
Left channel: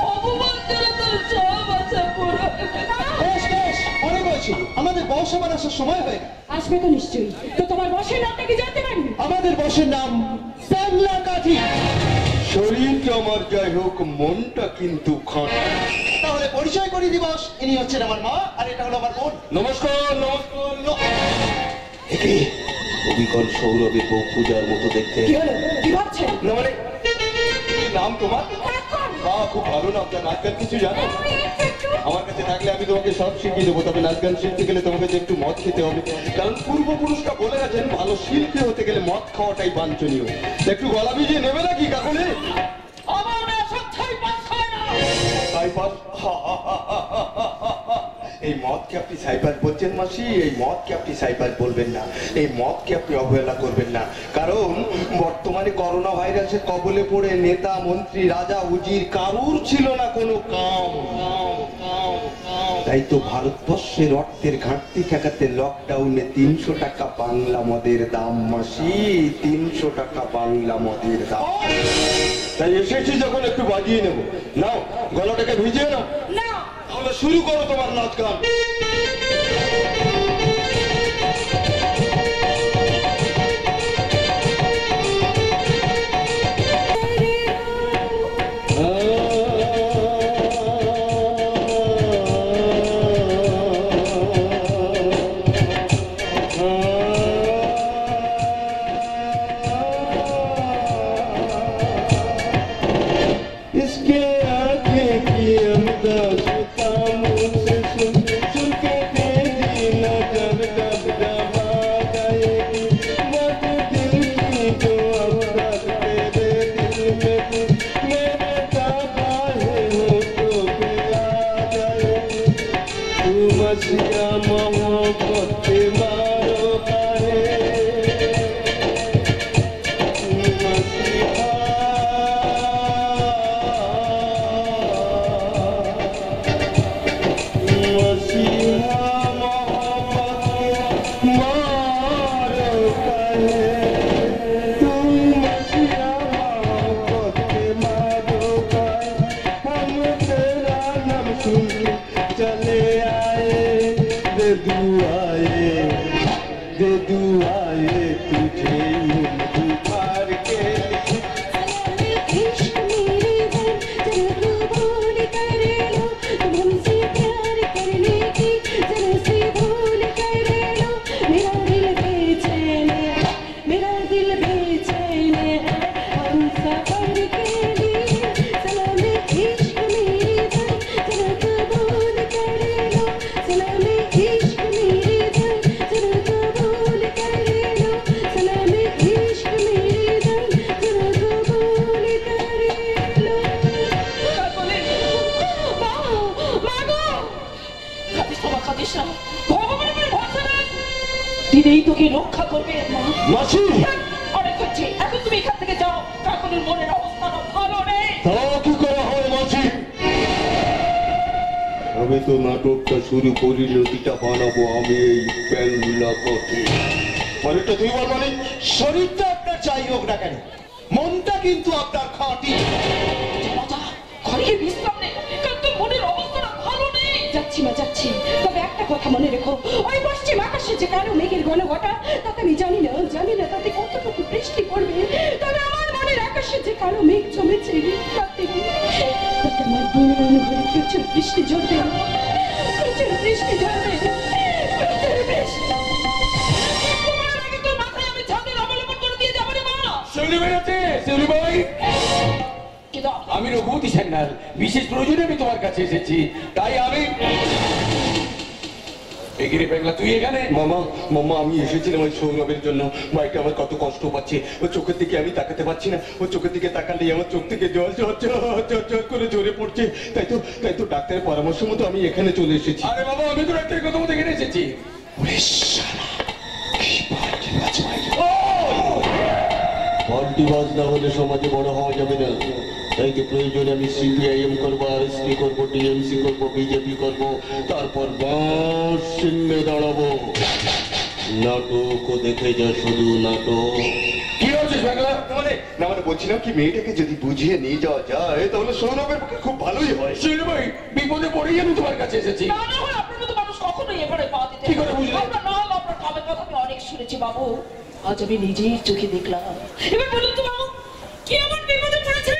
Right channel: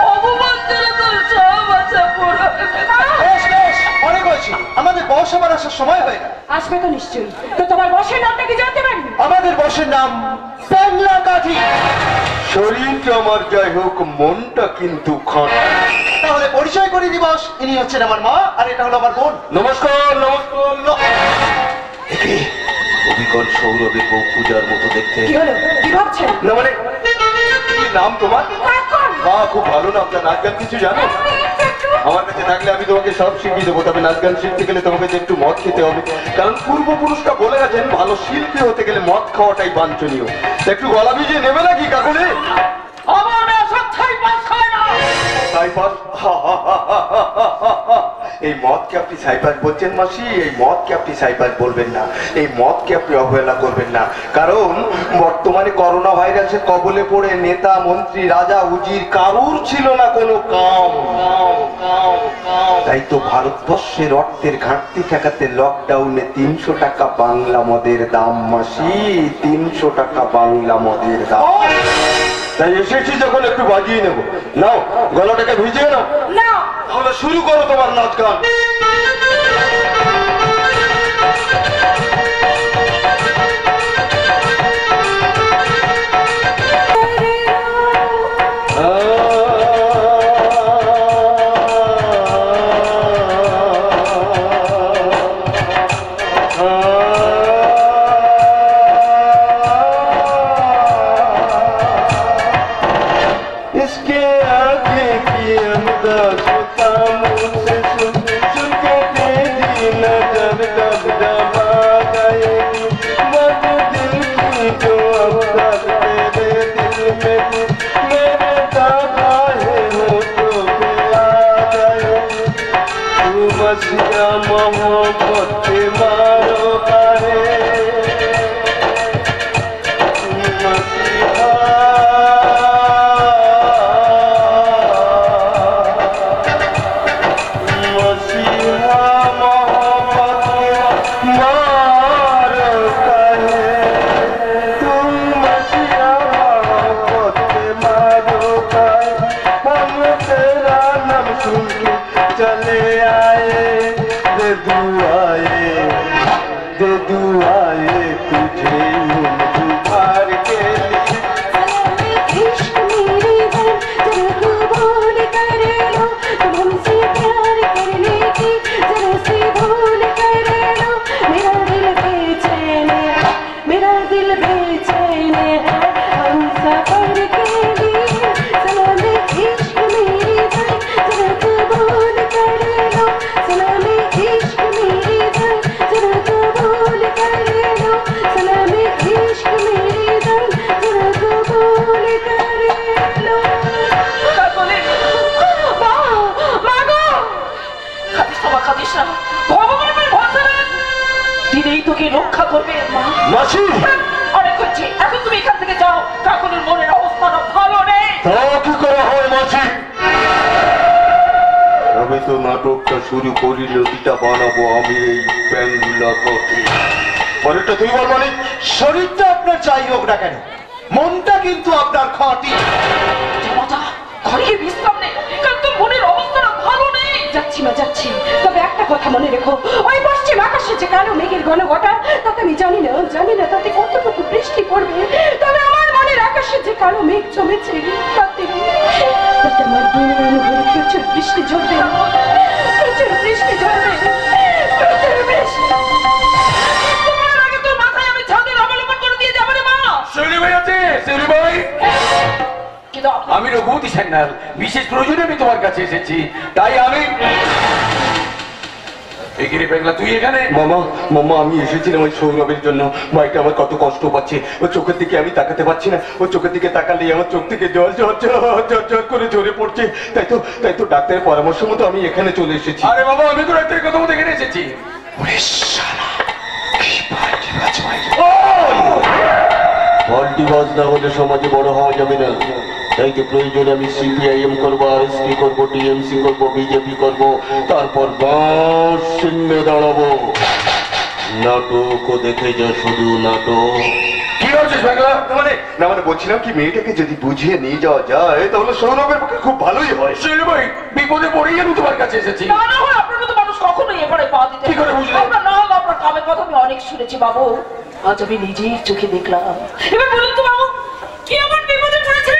ভগবান যেন তোর সব আশা পূরণ করে দে। বেশ বেশ, অনেক হয়েছে, আমাদের বস আবার আসার সময় হয়ে গেল। আসবে তো নিশ্চয়ই। তো তোমার বসের নামটা কি জানতে পারি? আমাদের বসের নাম বাংলা কাঠি। শরীরটা আমার যাই হোক, মনটা কিন্তু খাঁটি। তাহলে পরিচয় করে দিবস, ইনি হচ্ছেন আমার মা আর এটা হলো আমার বোন। নমস্কার নমস্কার। একে অবিকল সৌরভের বউ পূজার মতো দেখতে। কি হলো, কি ভাবছেন? না মানে কি নাম তোমার? মা খুব ভালো নাম। তা নাচ গান কিছু জানো? আমার কাছে থাকলে আমি তোমাকে সব শিখিয়ে দেবো, তবে নাচ গান শিখতে গেলে তোমাকে যে একটু মদ খেতে হবে, কারণ পূর্বপুরুষরা বলে গেছেন ভালো শিল্পী হতে গেলে মদ খাওয়াটাই বাঞ্ছনীয়। একটু গলা ভিজিয়ে নেবে নাকি কাকুলি? আমার সব ছাই পাস খায় না। তাই পাস? এই মদকে আপনি সাইপাস বলছেন মাসি, এই মদকে আপনি সাইপাস বলবেন না, এই মদকে আপনি অবহেলা করবেন না। কারণ বর্তমানে করোনা ভাইরাসের কবলে পড়ে নেতা মন্ত্রী রাজা উজির কারুর ছিল না কোনো কাম। তাই তো ভারতবর্ষের অর্থের ঘাটতি ঠেকাতে লকডাউনে 300 টাকা বাংলা মদের দাম মাসি, 300 টাকা বাংলা মদের দাম। তাই এসেছি যখন একটু বাজিয়ে নেব। নাও গলাটাকে ভিজিয়ে নাও। না তাহলে শুরু করো তোমার নাচ গান। রক্ষা করবে মাসি। অনেক হচ্ছে, এখন তুমি এখান থেকে যাও। কাকুলির মনের অবস্থা ভালো নেই। কি করা হয় মাসি? আমি তো নাটকটা শুরু করি, নদীটা বানাবো আমি এই বাংলা কথে। পরেরটা তুই বল মানিক। শরীরটা আপনার যাই হোক না কেন, মনটা কিন্তু আপনার খাঁটি। ঘরে বিশ্রাম নেই, কারণ তোর মনের অবস্থাটা ভালো নেই। যাচ্ছি মা যাচ্ছি, তবে একটা কথা মনে রেখো, ওই পশ্চিম আকাশে যে কালো মেঘের ঘন ঘটা, তাতে আমি জানি না তাতে কতটুকু বৃষ্টি পড়বে। তবে আমার মনের আকাশে যে কালো মেঘ জমেছে, তাতে আমার বইয়ের ঘরে প্রচুর বৃষ্টি ঝরবে, প্রচুর বৃষ্টি ঝরবে, প্রচুর বৃষ্টি। তোমার আগে তোর মাথায় আমি ছাদের অবলম্বন করে দিয়ে যাবো রে মা। শৈলী ভাই আছে, শৈলী ভাই। আমি রঘুপতি সান্যাল, বিশেষ প্রয়োজনে আমি তোমার কাছে এসেছি। তাই আমি তুই এখানে? মামা মামা আমি এসেছিলাম ওই সৌরভের জন্য। ভাইটা আমার কত কষ্ট পাচ্ছে, ওর চোখের দিকে আমি তাকাতে পারছি না। ওর চোখের দিকে তাকালেই আমার চোখ থেকে জল ঝর ঝর ঝর করে ঝরে পড়ছে। তাই তো ডাক্তারের পরামর্শ মতো আমি এখানে চলে এসেছি। আরে বাবা, আমি তো ডাক্তারের কথা মতো এখানে এসেছি। পাল্টি বাজ না হলে সমাজে বড় হওয়া যাবে না। তাই তো প্রয়োজনে আমি সিপিআইএম করবো, আরএসপি করবো, টিএমসি করবো, বিজেপি করবো, তারপর বাস সিংহে দাঁড়াবো। নাটকও দেখে যা, শুধু নাটক। কি হচ্ছে বাংলা? না মানে বলছিলাম কি, মেয়েটাকে যদি বুঝিয়ে নিয়ে যাওয়া যায় তাহলে সৌরভের পক্ষে খুব ভালোই হয়। শৈলী ভাই, বিপদে পড়েই আমি তোমার কাছে এসেছি। না হয় আপনার তো মানুষ কখনোই এবারে পা দিতে। কি করে বুঝলে? আপনার নাম, আপনার কামের কথা আমি অনেক শুনেছি বাবু, আজ আমি নিজের চোখে দেখলাম। এবার বলুন তো বাবু, কি এমন বিপদে পড়েছে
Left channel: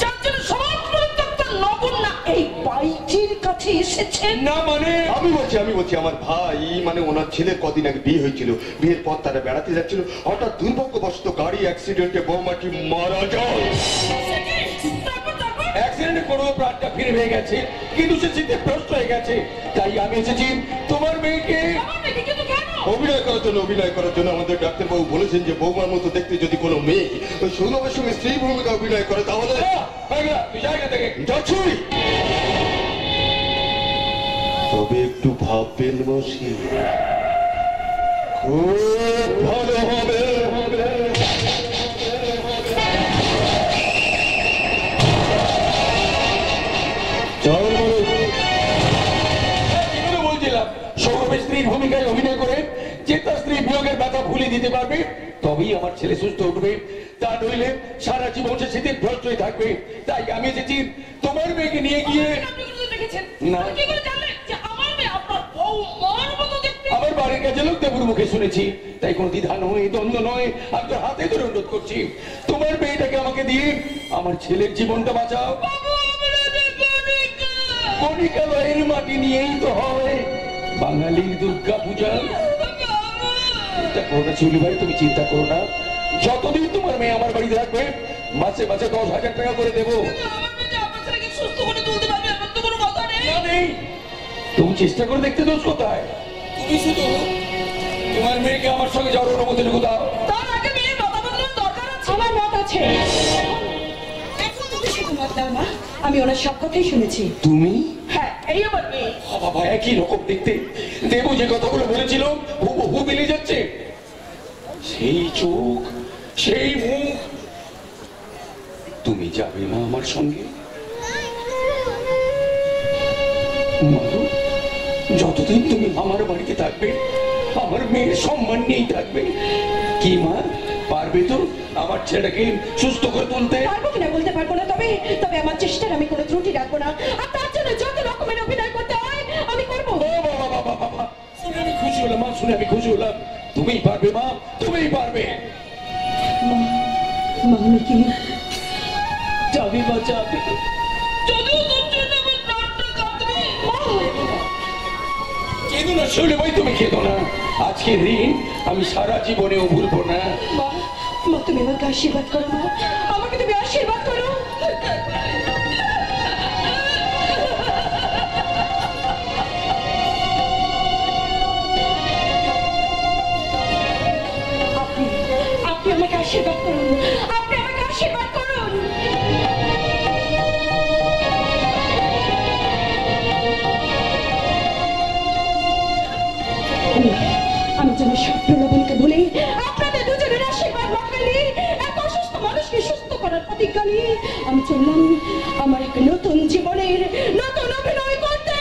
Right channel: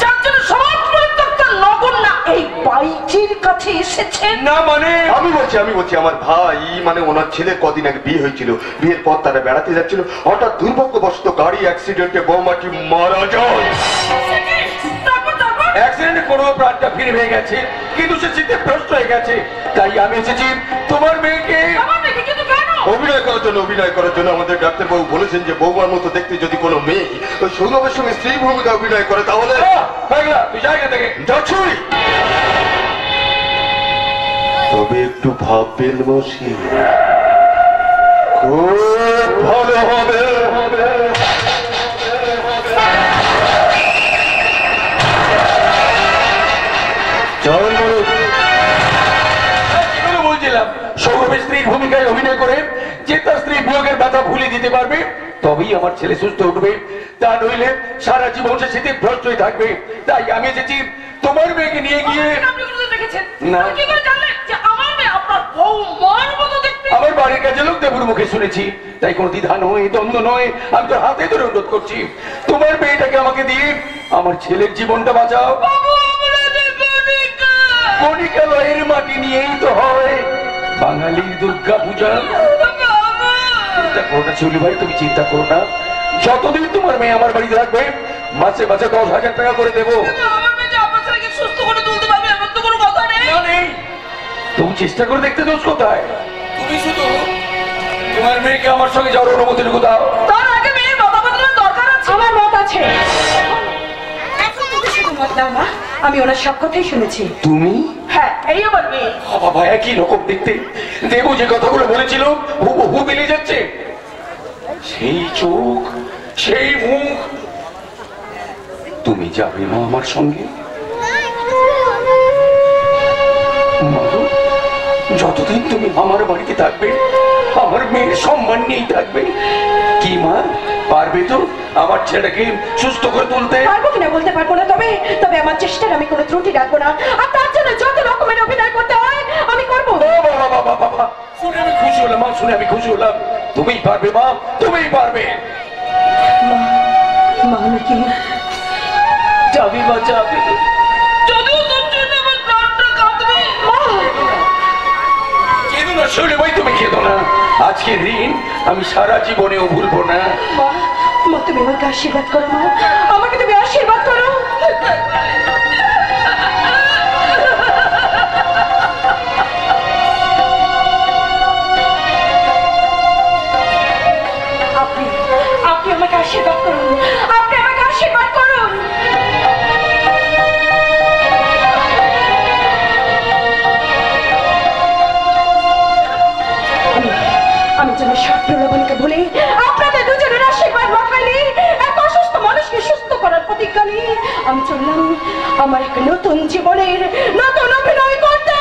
যার জন্য সমাজ পরিত্যক্তা নগণ্য এই বাইজির কাছে এসেছেন? না মানে আমি বলছি আমার ভাই মানে ওনার ছেলের কদিন আগে বিয়ে হয়েছিল। বিয়ের পর তারা বেড়াতে যাচ্ছিল, হঠাৎ দুর্ভাগ্যবশত গাড়ি অ্যাক্সিডেন্টে বৌমাটি মারা যায়। অ্যাক্সিডেন্টে কোনো প্রাণটা ফিরে হয়ে গেছে, কিন্তু সে চিন্তে ভ্রষ্ট হয়ে গেছে। তাই আমি এসেছি তোমার মেয়েকে অভিনয় করার জন্য। আমাদের ডাক্তারবাবু বলেছেন যে বৌমার মতো দেখতে যদি কোনো মেয়ে ওই সৌরভের সঙ্গে স্ত্রী ভূমিকা অভিনয় করে তাহলে। তুই জায়গা থেকে যাচ্ছি। তো তবে একটু ভাববেন মশি, খুব ভালো হবে। চল মরুক। এগুলো বলছিলাম, সৌরভের স্ত্রীর ভূমিকায় অভিনয় করে যে তার স্ত্রী বিয়োগের ব্যথা ভুলে দিতে পারবে তবেই আমার ছেলে সুস্থ উঠবে, তা নইলে সারা জীবন সে স্মৃতিভ্রষ্ট হয়ে থাকবে। তাই আমি এসেছি তোমার মেয়েকে নিয়ে গিয়ে। না, আমার বাড়ির কাছে লোক দেবুর মুখে শুনেছি, তাই কোনো দ্বিধা নয়, দ্বন্দ্ব নয়, আমি তোর হাতে ধরে অনুরোধ করছি, তোমার মেয়েটাকে আমাকে দিয়ে আমার ছেলের জীবনটা বাঁচাও। কণিকালয়ের মাটি নিয়েই তো হয় বাঙালির দুর্গা পূজা। চিন্তা করো না শিউলি ভাই, তুমি চিন্তা করো না, যতদিন তোমার মেয়ে আমার বাড়িতে থাকবে মাসে মাসে 10,000 টাকা করে দেবো। তুমি চেষ্টা করে দেখতে দোষ কোথায়? তুমি শুধু তোমার মেয়েকে আমার সঙ্গে যাওয়ার অনুমতিটুকু দাও। তার আগে মেয়ের মতামত দরকার আছে। আমার মত আছে। এখন তুমি শুধু মত দাও মা, আমি ওনার সব কথাই শুনেছি। তুমি? হ্যাঁ, এই আমার মেয়ে। বাবা একই রকম দেখতে, দেবু যে কথাগুলো বলেছিল হুবহু মিলে যাচ্ছে, সেই চোখ, সেই মুখ। তুমি যাবে মা আমার সঙ্গে? যতদিন তুমি আমার বাড়িতে থাকবে আমার মেয়ের সম্মান নিয়েই থাকবে। কি মা, পারবে তো আমার ছেলেকে সুস্থ করে তুলতে? পারবো কিনা বলতে পারবো না, তবে তবে আমার চেষ্টার আমি কোনো ত্রুটি রাখবো না, আর তার জন্য যত রকমের অভিনয় করতে হয় আমি করবো। বাবা, শুনে আমি খুশি হলাম মা, শুনে আমি খুশি হলাম। তুমিই পারবে মা, তুমিই পারবে। মা, মা আমি কি যাবি মা, যাবি। কেঁদো না শিউলি ভাই, তুমি কেঁদো না, আজকের ঋণ আমি সারা জীবনেও ভুলবো না। মা, মা তুমি আমাকে আশীর্বাদ করো মা, আমাকে তুমি আশীর্বাদ করো। আপনি আপনি আমাকে আশীর্বাদ করুন, আপনি আমাকে আশীর্বাদ করুন। আমি যেন সব প্রলোভনকে ভুলে আপনাদের দুজনের আশীর্বাদ মাখাইলে এক অসুস্থ মানুষকে সুস্থ করার প্রতিজ্ঞা নিয়ে আমি চললাম আমার এক নতুন জীবনের নতুন অভিনয় করতে।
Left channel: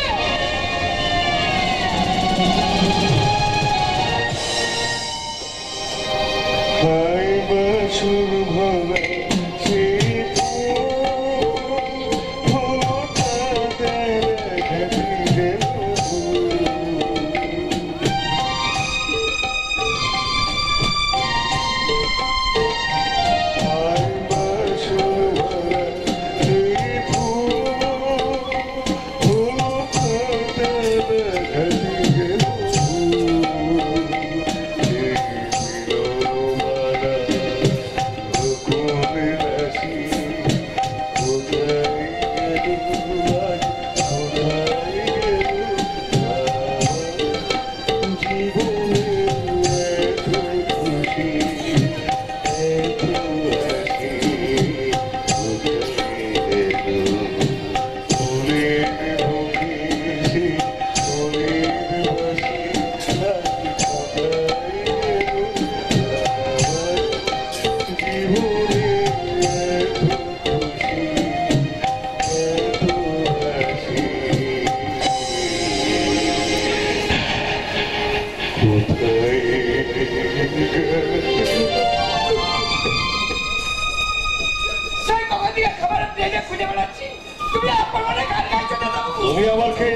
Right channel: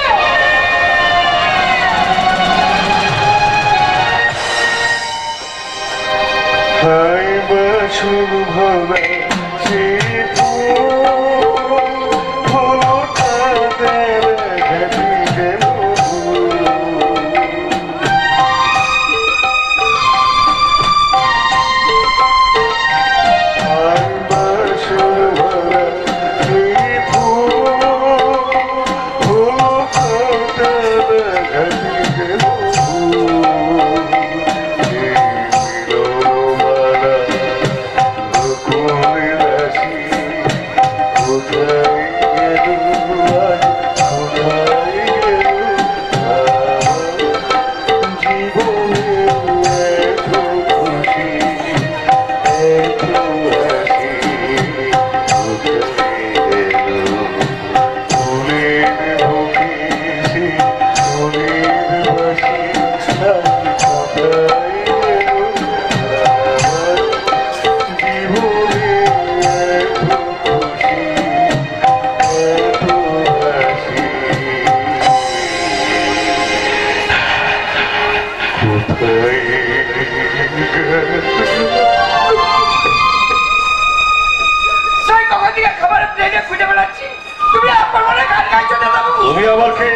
তুমি আমার কে?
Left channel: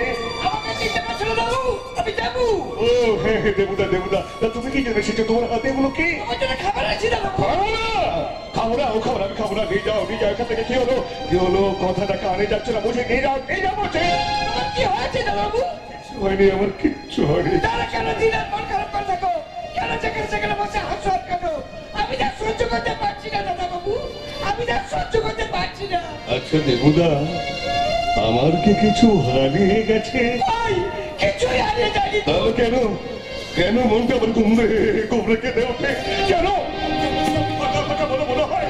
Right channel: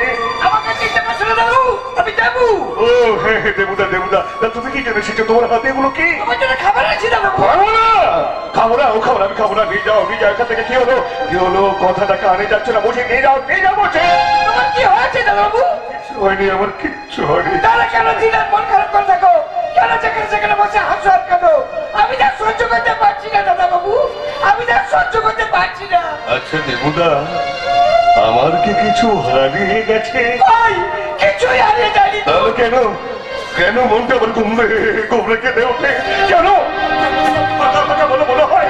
দেবুদা, দেবুদা, তুমি কি জেনে এসেছো? তোমার হাতে এগুলো কি? খাবো না, খাবো না, ও খাবো না, আমি খাবো না। নিয়ে যাও, নিয়ে যাও এখান থেকে। কি হলো, কি হলো? কথাটা কানে যাচ্ছে না, বসে নিয়ে যাও, নিয়ে যাও বসে। তোমার কি হয়েছে দাদাবাবু? কিচ্ছু হয়নি, আমার কিচ্ছু হয়নি। তাহলে কেন দিনের মন খারাপ করে থাকো? কেন যেখানে সেখানে বসে হাসো আর কেন? আমি যা সহ্য করতে পারছি না দাদাবাবু, আমি যা সহ্য করতে পারছি না। আচ্ছা দেবুদা, আমার কি কিছু হারিয়ে গেছে? কিছুই হারিয়ে যায়নি। তাহলে কেন, কেন মনটা আবার ঘুমবে ঘুমরে কেঁদে ওঠে? কেন ফাঁকা ফাঁকা বলে মনে হয়,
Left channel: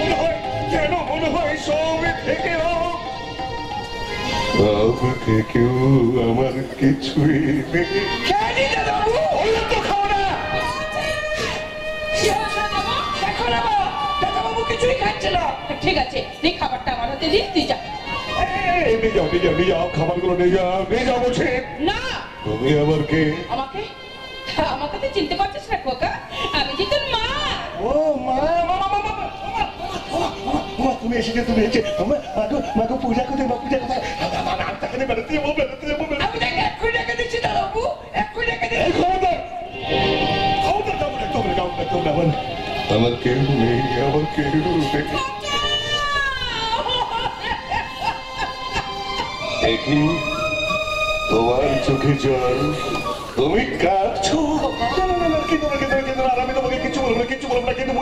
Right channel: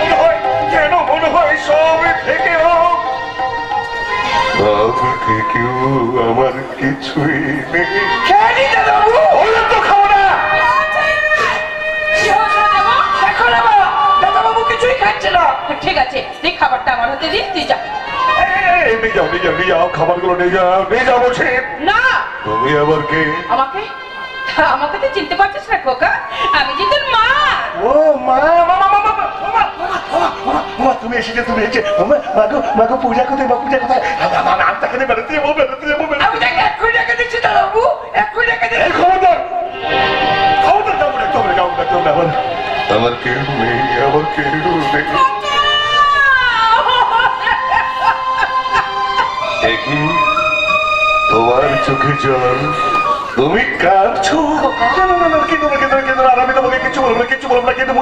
মনে হয় কেন মনে হয় সব থেকে আমাকে কেউ আমার কিছুই নেই। খেয়ে নি দাদাবাবু। বললাম তো খাবো না। দাদাবাবু কিছুই খাচ্ছে না। ঠিক আছে, এই খাবারটা আমার হাতে দিস, তুই যা। নিয়ে যাও, নিয়ে যাও, নিয়ে যাও, খাবারগুলো নিয়ে যাও, নিয়ে যাও বলছি। না, তুমি আবার কে? আমাকে আমাকে তো চিনতে পারছিস না খোকা, আমি যে তোর মা। ও মা, মা তুমি এসেছো, তুমি এসেছো। মাগো পূজা কোথায়? মা পূজা কোথায়? আমি তাকে বেড়াতে যাবো, বেড়াতে যাবো। আমি তাকে 1 কোটি টাকা দিচ্ছি দাদাবাবু, 1 কোটি টাকা দিচ্ছি। এই খবরদার, খবরদার যাবো না, তবে যাবো না, তবে আমার কেউ নেই, আমার কেউ নেই। দেখি তোমার চোখে জল, তুমি কাঁদছো। আর আমি তোমাকে কিছু বলবো না, কিছু বলবো না, কিন্তু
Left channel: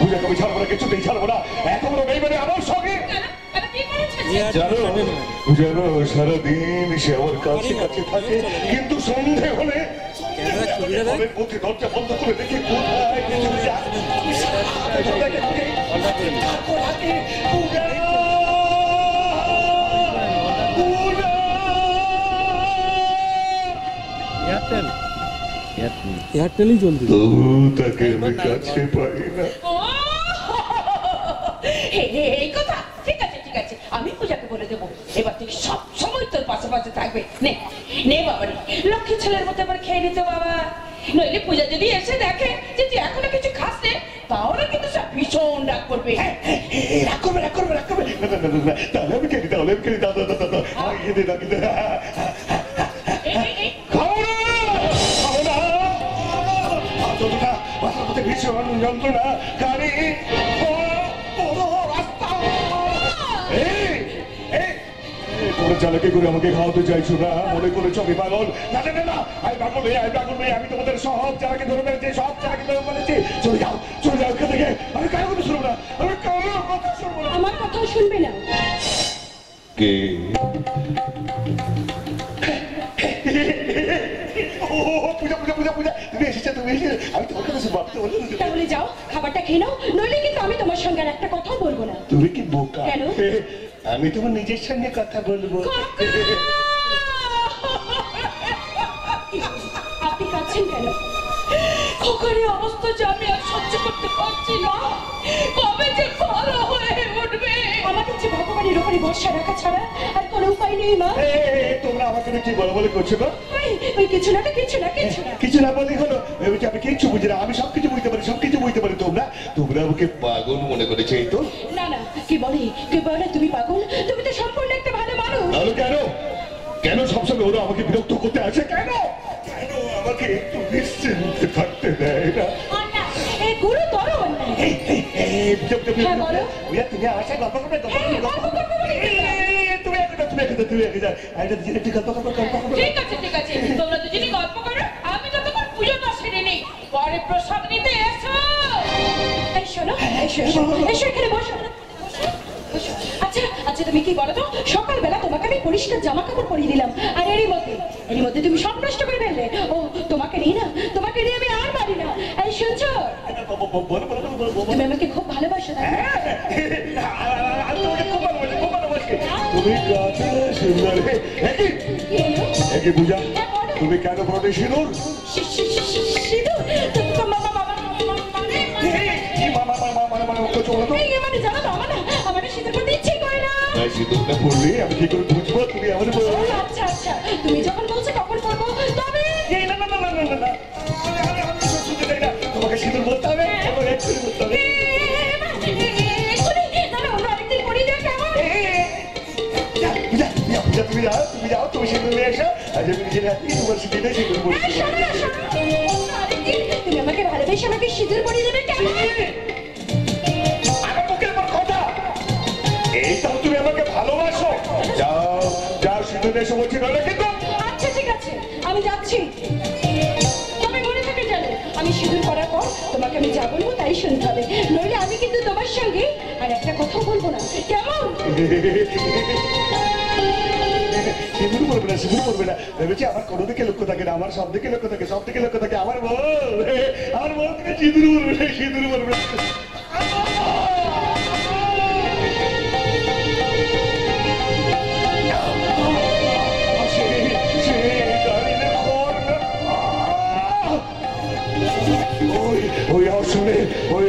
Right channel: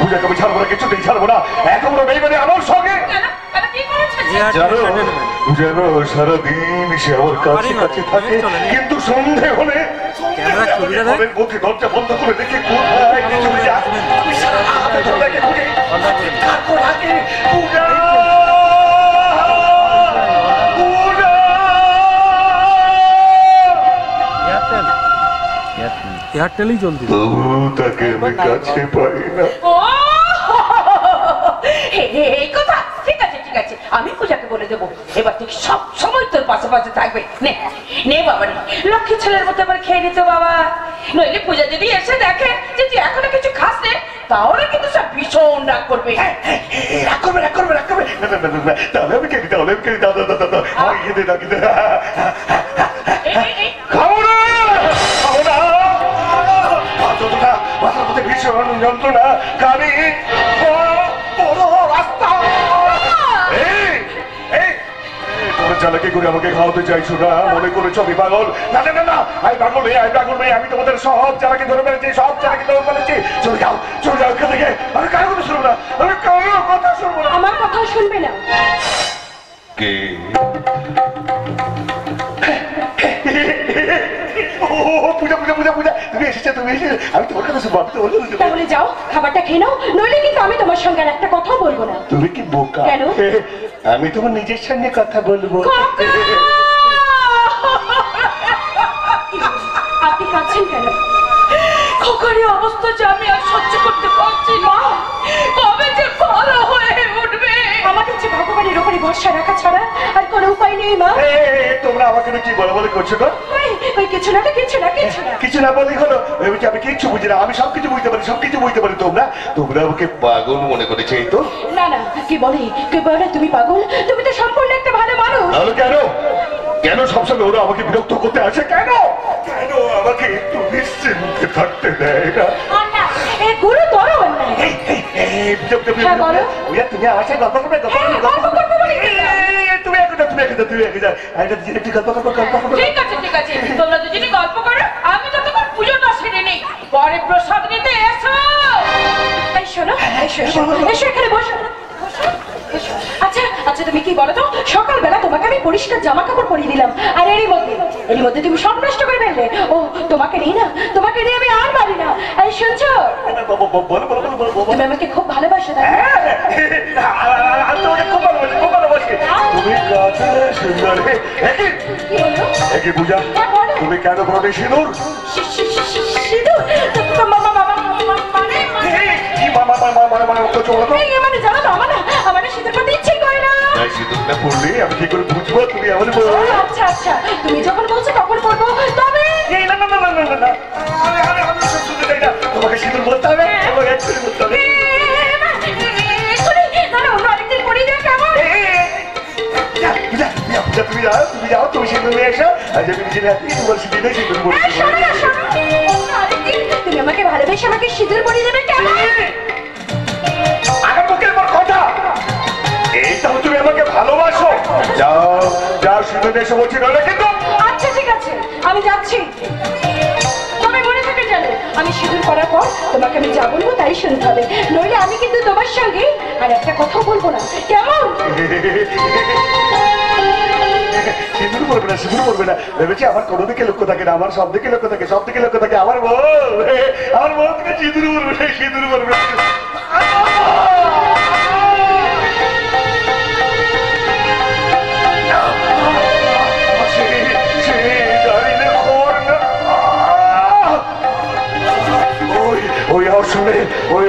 পূজাকে আমি ছাড়বো না, কিছুতেই ছাড়বো না। এখন নেই মানে আমার সঙ্গে জানো, জানো সারাদিন সে আমার কাছে কাছে থাকে, কিন্তু সন্ধে হলে ঘরের মধ্যে দরজা বন্ধ করে দেখে কোথায় চলে যায়। আমি সারা রাত ধরে তাকে খুঁজি। তারপর রাতে পূজা, পূজা। এয়ারটেলই চলছে। তবু তাকে আমি কাছে পাই না। এই কথা, ঠিক আছে ঠিক আছে, আমি পূজাকে বলে দেবো, এবার থেকে সব সময় তোর পাশে পাশে থাকবে। নে নে বাবা, নে, লক্ষ্মী ছেলের মতো আবার খেয়ে নিত বাবা। নইলে পূজা যদি এসে দেখে যে তুই এখনো কিছু খাস নে, তাহলে কিন্তু সব ভীষণ রাগ করবে। রাগ করবে, রাগ করবে, রাগ করবে। তাহলে আমি খেলি, তাহলে আমি খেলি। দাদা আমি খেতে থাকি। খাবো না, খাবো না। যতটা মাথার মধ্যে ভীষণ যন্ত্রণা, গাড়ি বড় রাস্তা। তোর চালাকি করে আমাকে খাওয়াতে চাইছো না? মনে করেছো আমি পাগল? না না না না, আমি পাগল নেই, আমি পাগল নেই। আমি তোমাদের সব চালাকি ধরে ফেলেছি, সব চালাকি ধরে ফেলেছি। চলে যাও, চলে যাও এখান থেকে। আমি কারো কথা শুনবো না, আমি কারো কথা শুনবো না। আমার কথাও শুনবে না। কে? পূজা পূজা পূজা পূজা, তুমি এসেছো, তুমি এসেছো। আমি তোমার কথা শুনবো, আমি তোমার কথা শুনবো। তাহলে যাও, খাবারটা খেয়ে নাও, নইলে কিন্তু আমি তোমার সঙ্গে আর একটা কথাও বলবো না। তুমি কি বোকা? কেন? আমি তোমার নিজের সঙ্গে কথা বলবো। আপনি কাঁদছেন কেন? খোকারি অবস্থা যে আমি আর সহ্য করতে পারছি না। কবে যে ভালো হয়ে উঠবে? আমাকে যে ভগবানের উপরে ভরসা রাখা ছাড়া আর কোনো উপায় নেই মা। তোমরা আমাকে কি বলা বলে করছো না? ওই কিছু না, কিছু না, কিছু না, কিছু না বলি হলো। আমি কিচ্ছু বুঝি না, আমি সবকিছু বুঝতে পারি, সবকিছু বুঝতে পারি। তোমরা আমাকে পাগল মনে করেছো, এই তো? না না, কি বলে তুমি পাগল? তুমি তো সম্পূর্ণ একটা ভালো মানুষ। তাহলে কেন, কেন সবসময় ওরা আমাকে বিরক্ত করতে আসে? কেন কেন আমাকে একটু নিশ্চিন্তে থাকতে দেয় না? এই গুরুতর অন্যায়। তুমি আমার সাথে গল্প করবে, তুমি একটু গল্প করবো। ঠিক আছে ঠিক আছে, তোমরা দুজনে গল্প করো, আমি যতক্ষণ পুজোটা সেরে নেই। পরে প্রসাদ নিতে এসো। এই শোনো, এসো এখানে বসো। আচ্ছা আচ্ছা, তুমি কি বলো তো, সকালবেলা তোমাকে আমি পরিষ্কার জামা কাপড় পরিয়ে দিলাম, আর এরই মধ্যে তুমি সব নষ্ট করে ফেললে। ও তোমাকে নিয়ে আমি আর পারি না। এই শুনছো, তুমি আমাকে খুব ভালোবাসো তাই না? আমি তোমাকে খুব ভালোবাসি, খুব ভালোবাসি। তুমি কাছে সুন্দর। একই পূজা, তুমি কেন পড়বে সিঁদুর? সিঁদুর? মানে জানো তো, আমার সিঁদুর পরতে ইচ্ছেই করে না। সিঁদুরটা পড়লে আমি কি করে বুঝবো তুমি আমার? আচ্ছা আচ্ছা, তুমি যখন বলছো তখন পড়বো। তবে তোমাকে সিঁদুর বলতে হবে, তোমাকে একটু বলতে হবে। তুমি যাও, তুমি সিঁদুর নিয়ে এসো। আজ আমি নিজের হাতে তোমার সিঁদুরে সিঁদুর পড়ে তুমি আমাকে ভালোবেসে আমাকে সিঁদুর পরিয়ে দেবে কেন? আমার মুখের পর কথা, এইটাও তুমি আমাকে ভালোবাসো? যাও যাও, সিঁদুর এসে বলছি, নইলে কিন্তু। আচ্ছা ঠিক আছে, আমি যাচ্ছি। তবে মনে থাকে জানো, আমি সিঁদুর করার পর তোমাকে আমি যা বলবো তাই শুনতে হবে, নইলে আমি কিন্তু তোমার সঙ্গে আর একটা কথাও বলবো না, কেমন? সিঁদুর পড়বে না, সিঁদুর পড়বে না। ভেবেছি আমার কোনো দিকে লক্ষ্য থাকে না, আমার সব দিকে লক্ষ্য থাকে, সব দিকে লক্ষ্য থাকে। আমার বউ থেকে সিঁদুর পড়বে না, সিঁদুর পড়বে না। ওই